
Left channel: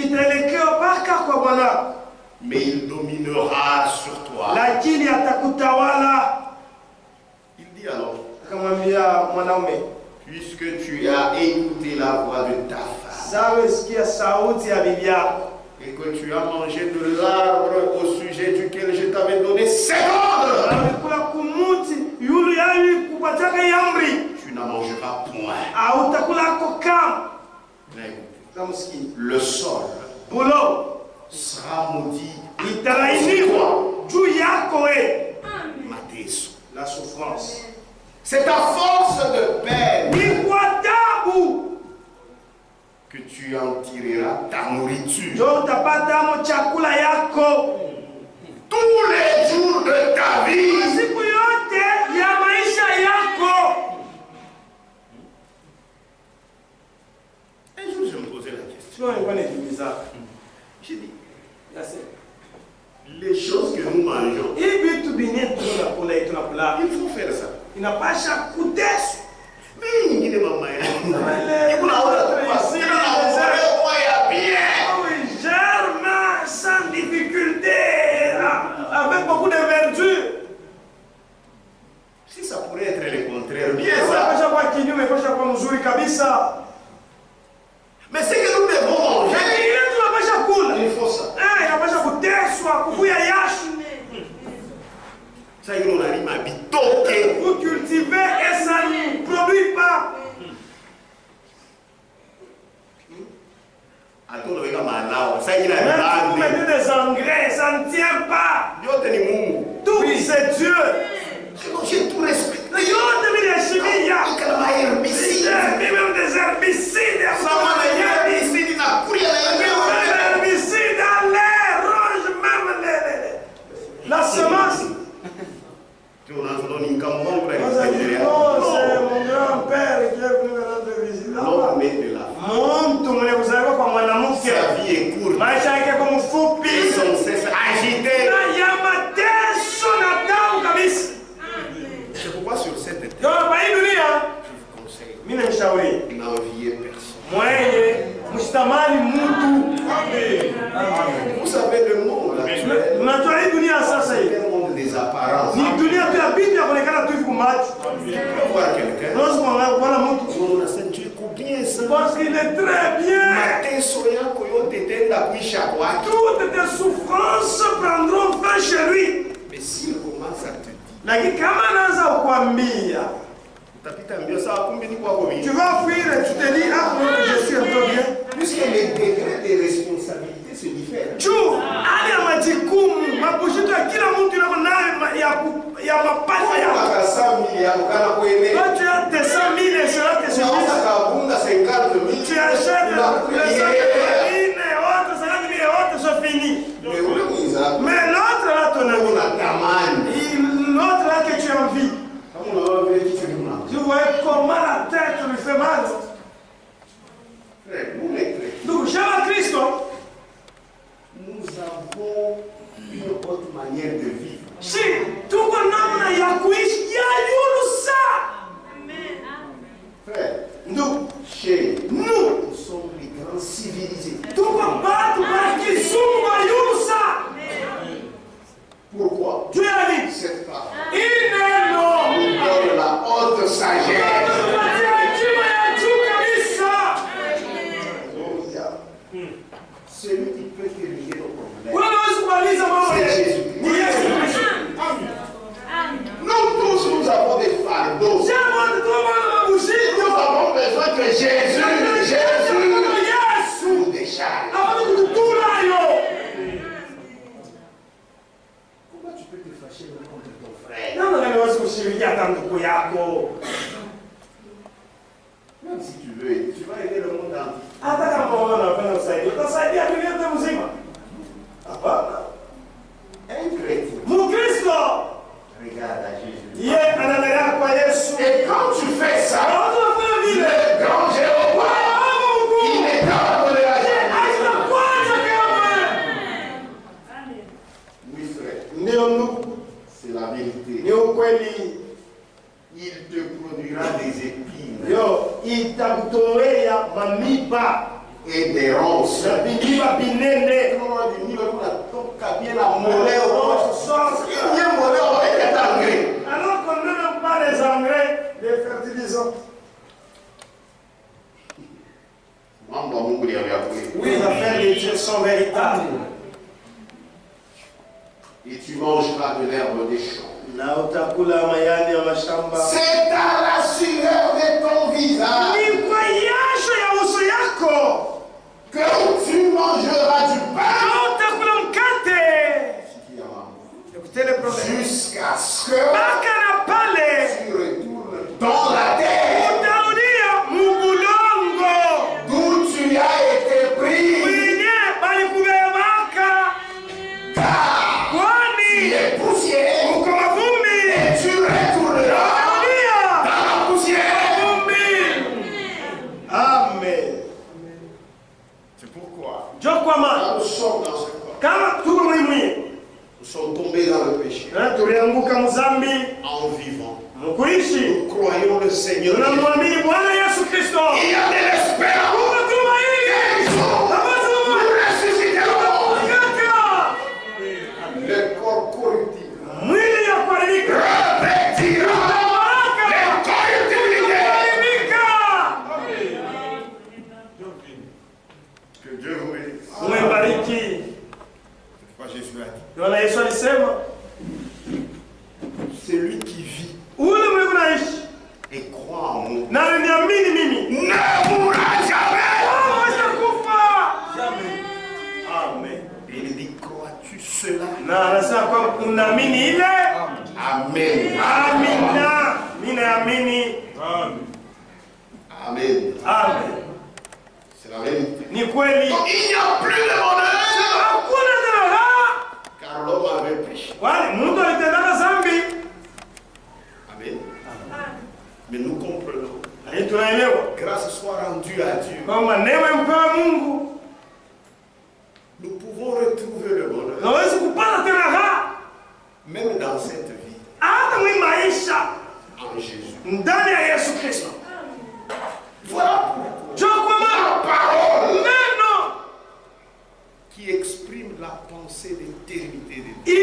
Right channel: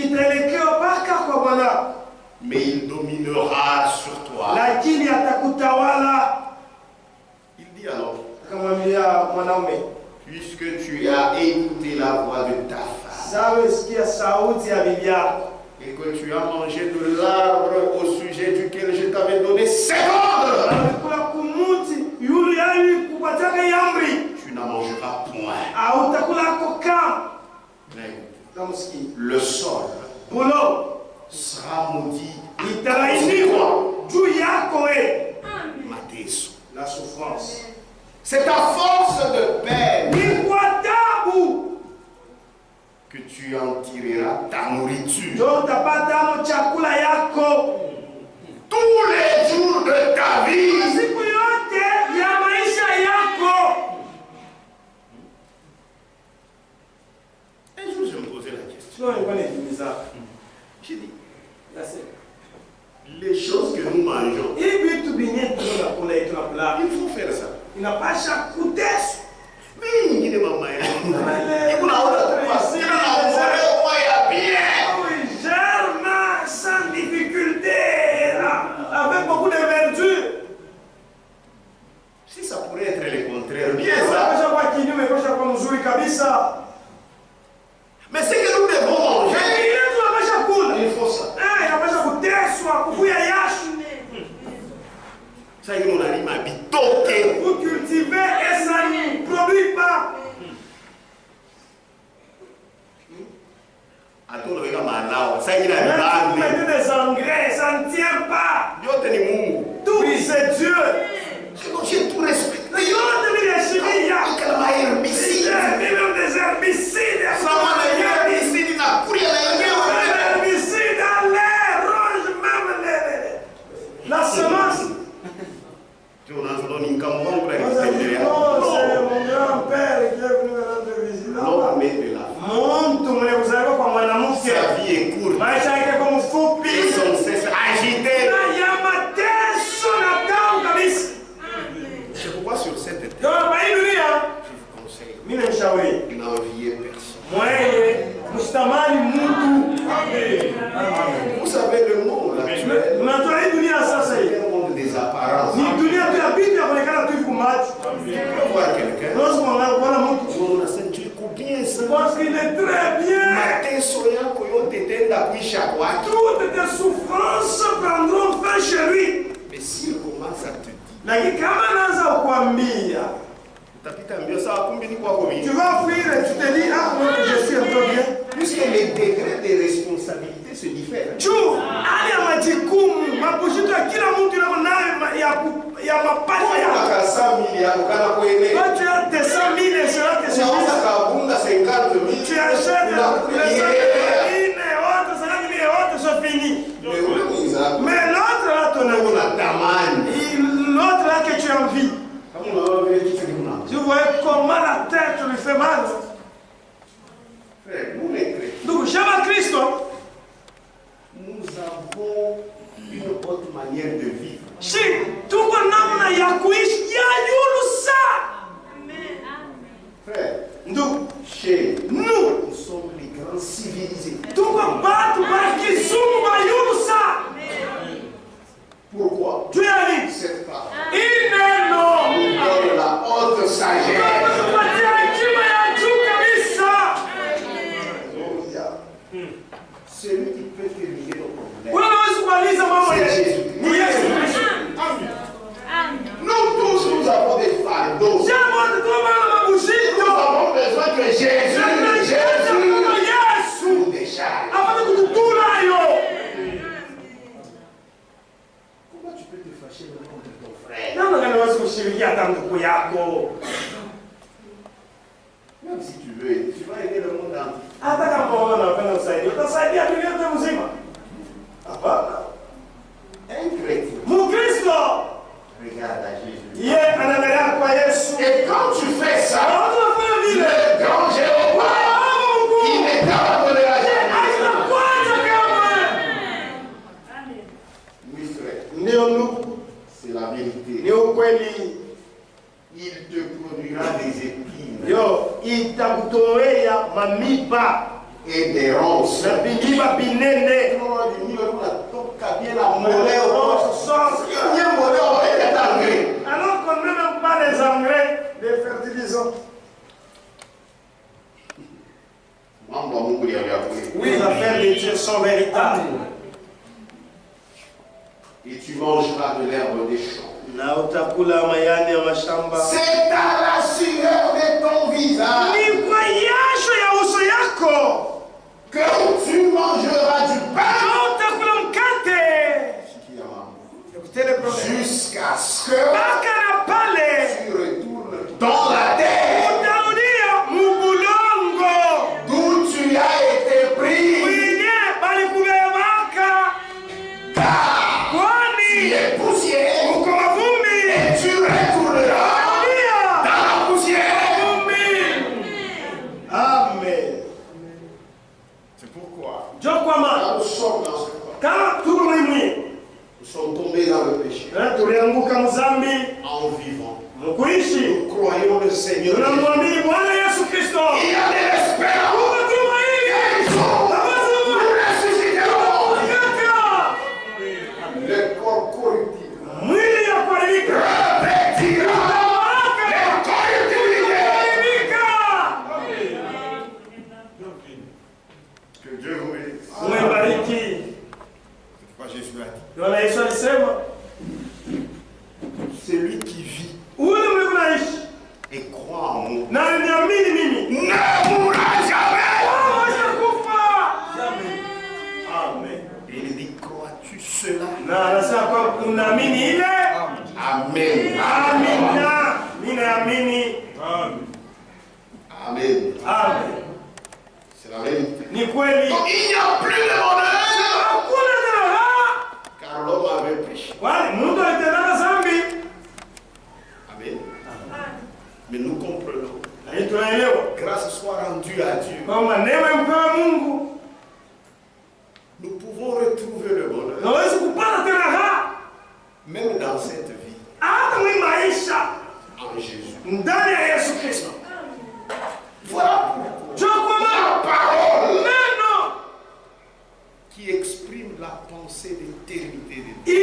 Mais il dominera sur toi. Il dit alors, puisque tu as écouté la voix de ta femme et que tu as mangé de l'arbre au sujet duquel je t'avais donné cet ordre, tu n'en mangeras point. Le sol sera maudit. Mateso. La souffrance. C'est à force de peine que tu en tireras ta nourriture. Tous les jours de ta vie. Un jour, je me posais la question. J'ai dit, les choses que nous mangeons, il faut faire ça. Il n'a pas chaque coup d'ess. Mais il dit maman, il germe sans difficulté, avec beaucoup de vertu. Si ça pourrait être le contraire, bien ça. Mais c'est que nous devons manger. Il faut ça. Ça y est, on arrive à bitoquer. Vous cultivez et ça ne produit pas. Ça y est, vous mettez des engrais, ça ne tient pas. Tout c'est Dieu. J'ai tout respecté. Il y a même des herbicides. L'herbicide dans l'air ronge même la semence. C'est mon grand-père qui est venu me rendre visite. L'homme est de la sa vie est courte. Ils sont agités. C'est pourquoi sur cette terre, je vous conseille, n'enviez personne. Vous savez le monde actuel, c'est un monde des apparences. Tu peux voir quelqu'un, Parce qu'il est très bien. Toutes tes souffrances prendront fin chez lui. Mais s'il commence à te dire, tu vas fuir et tu te dis, ah non, je suis un peu bien. Puisque les degrés de responsabilité se diffèrent. Tu allez à majukumu, mabushito ya kila mtu yako nayo ya mapato yako. Toi tu as tes 100 000 et cela te suffit. Tu achètes les 50 000 et autres, 50 000 et autres sont finis. Mais l'autre là, ton ami, l'autre là que tu envies, tu vois comment la tête lui fait mal. Donc, j'aime Christ. Nous avons une autre manière de vivre. Si tout le monde a yakuish, Frère, nous sommes les grands civilisés. Pourquoi? Celui qui peut terminer nos problèmes, c'est Jésus. Nous tous, nous avons des fardeaux. Nous avons besoin que Jésus nous décharge. Comment tu peux te fâcher contre ton frère? Même si tu veux, tu vas aider le monde entier. Un chrétien regarde à Jésus. Et quand tu fais ça, le grand Jéhovah, il ne t'abandonnera jamais. Oui, frère. C'est la vérité. Il te produira des épines. Et des ronces. Alors qu'on ne met même pas les engrais, les fertilisants. Oui, les affaires de Dieu sont véritables. Et tu mangeras de l'herbe des champs. C'est à la sueur de ton visage que tu mangeras du pain jusqu'à ce que tu retournes dans la terre d'où tu as été pris, car tu es poussière et tu retourneras dans la poussière. Amen. C'est pourquoi Quand nous sommes dans ce corps, nous sommes tombés dans le péché en vivant. Nous croyons le Seigneur. Il y a de l'espérance. Nous ressusciterons. Le corps corruptible revêtira l'incorruptibilité. Que Dieu vous bénisse. C'est pourquoi Jésus a dit, celui qui vit et croit en moi ne mourra jamais. Amen. Et il dit, crois-tu cela? Amen. Amen. C'est la vérité. Donc il n'y a plus de bonheur car l'homme avait péché. Amen. Mais nous comprenons. Grâce soit rendue à Dieu. Nous pouvons retrouver le bonheur même dans cette vie en Jésus. Voilà pourquoi la parole qui exprime la pensée d'éternité de Dieu.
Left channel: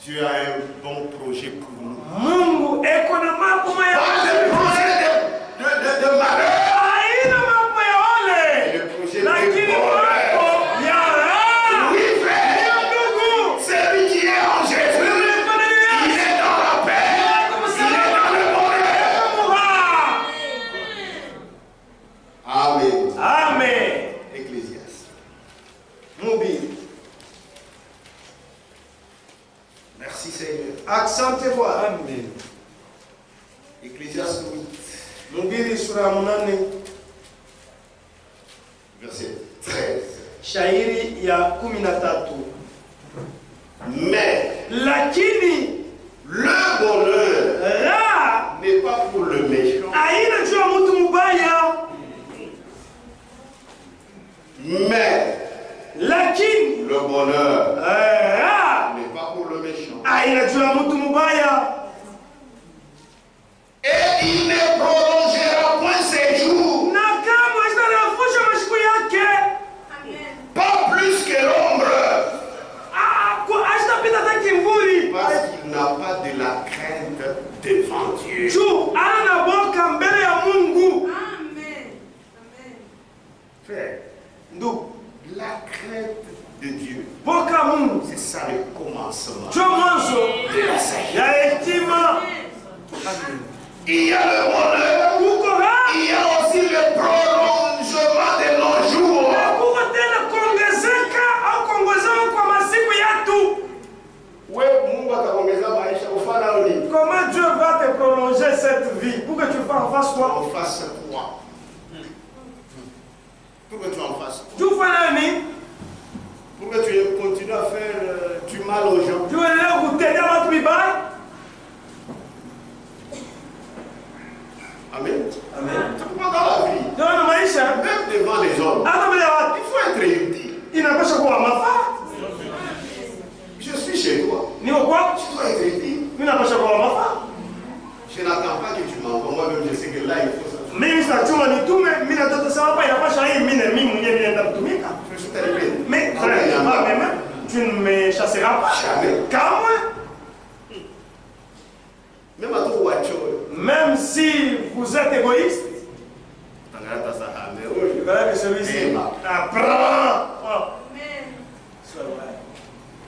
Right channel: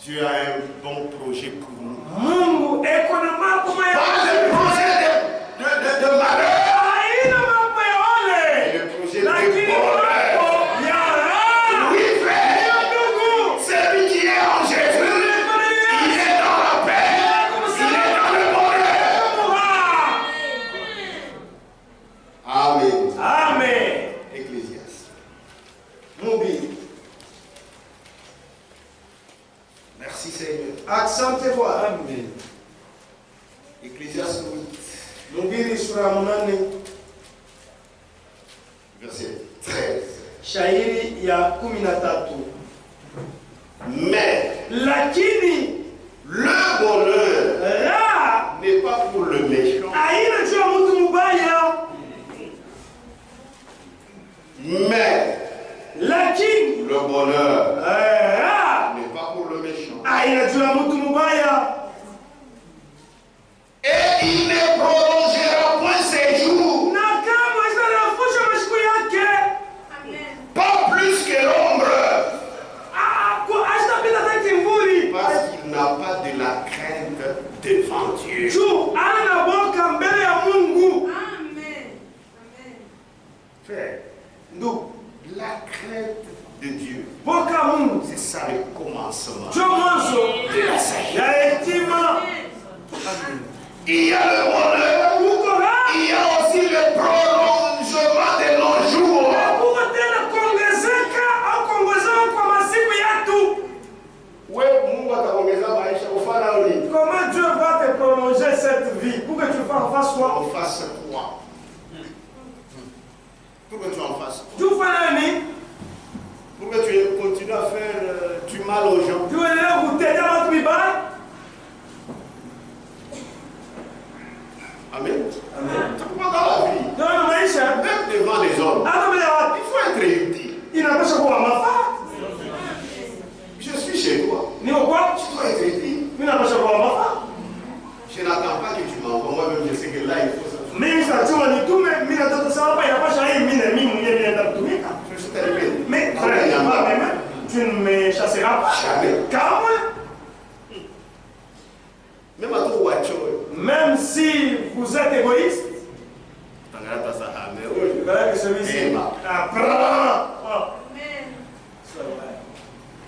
Dieu a un bon projet pour nous. Pas de projet de malheur. Le projet de bonheur. Oui, frère. Celui qui est en Jésus, il est dans la paix. Il est dans le bonheur. Amen. Ecclésiaste. Merci Seigneur. Accentez-vous. Amen. Ecclésiaste 8. Verset 13. Shairi ya 13. Mais lakini le bonheur n'est pas pour le méchant. Mais le bonheur n'est pas pour le méchant. Et il ne prolongera point ses jours. Pas plus que l'ombre. Parce qu'il n'a pas de la crainte devant Dieu. soi. En face quoi? Pourquoi tu en fasses? Tu fais l'ami. Pourquoi tu continues à faire du mal aux gens? Tu veux aller goûter dans votre bibaye? Amen. Amen. C'est pourquoi dans la vie, Dans le maïcha, même devant les hommes, il faut être utile. il n'a pas chaque fois ma femme. Je suis chez toi. Ni au quoi? Tu dois être utile. Il n'a pas chaque fois ma femme. Je n'attends pas que tu m'envoies. Moi-même, je sais que là, il faut ça. Mais ça, tu m'as dit tout, mais il n'a pas changé. Je suis arrivé. Mais tu ne me chasseras pas. Jamais. Car moi, même à ton voiture. même si vous êtes égoïste, voilà que celui-ci apprend.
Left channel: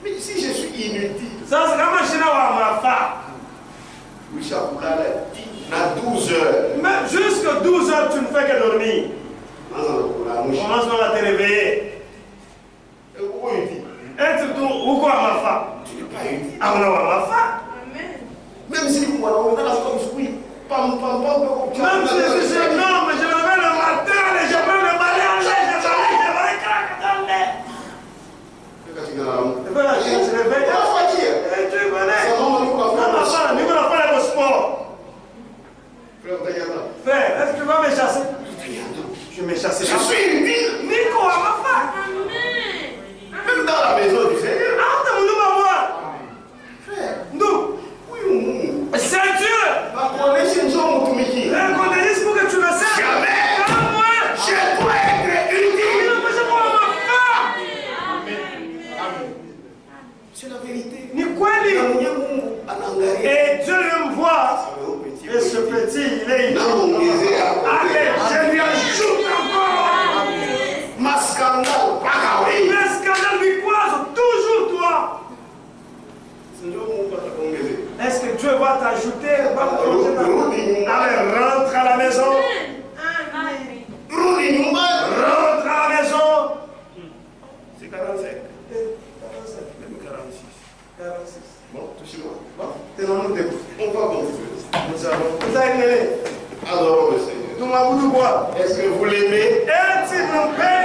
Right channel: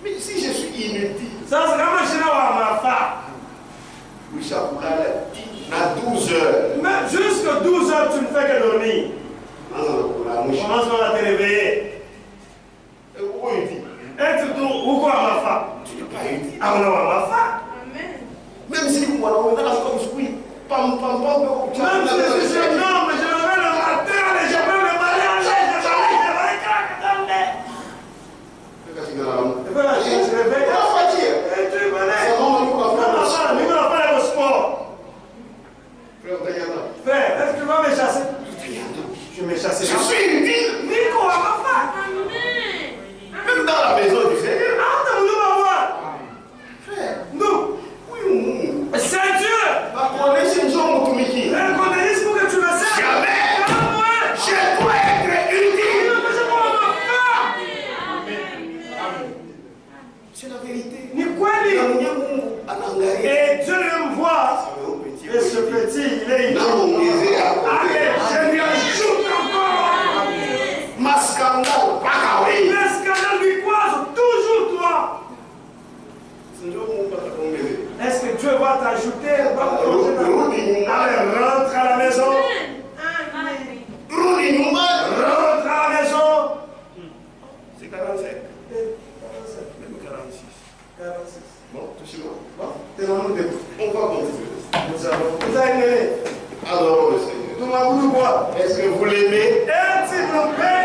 Mais si je suis inutile, Ça, c'est comme je n'ai pas ma femme. oui, à 12 heures. Même jusqu'à 12 heures, tu ne fais que dormir. Commence à te réveiller. Être tout ou quoi ma femme? Tu n'es pas utile. Ah, on a ma femme. Même si on a comme oui, pam pam pam. Même si je suis un homme, je me lève le matin, je peux me marier, je vais craquer dans le nez. Et voilà, je me réveille. Et tu connais. Non, nous n'avons pas le sport. Frère, est-ce que tu vas me chasser? Je me chasserai. Je suis utile. Nico, ma femme. Même dans la maison du Seigneur. Ah, nous va voir. Frère, Nous. oui, C'est Dieu. Reconnaissez pour que tu me sers. jamais. Je dois être utile. C'est la vérité. Ni quoi ni. Et Dieu me voit. Et ce petit, il est ici. Allez, je lui ajoute encore. Ma scandale, pas Les scandales lui croisent toujours toi. Est-ce que Dieu va t'ajouter? Allez, rentre à la maison. Rentre à la maison. C'est 45. Même 46. 46. Bon, touchez-moi. Bon, tenons-nous debout. On va continuer. Vous avez aimé. Adorons le Seigneur. Tout le monde, Est-ce que vous l'aimez? Et s'il vous plaît.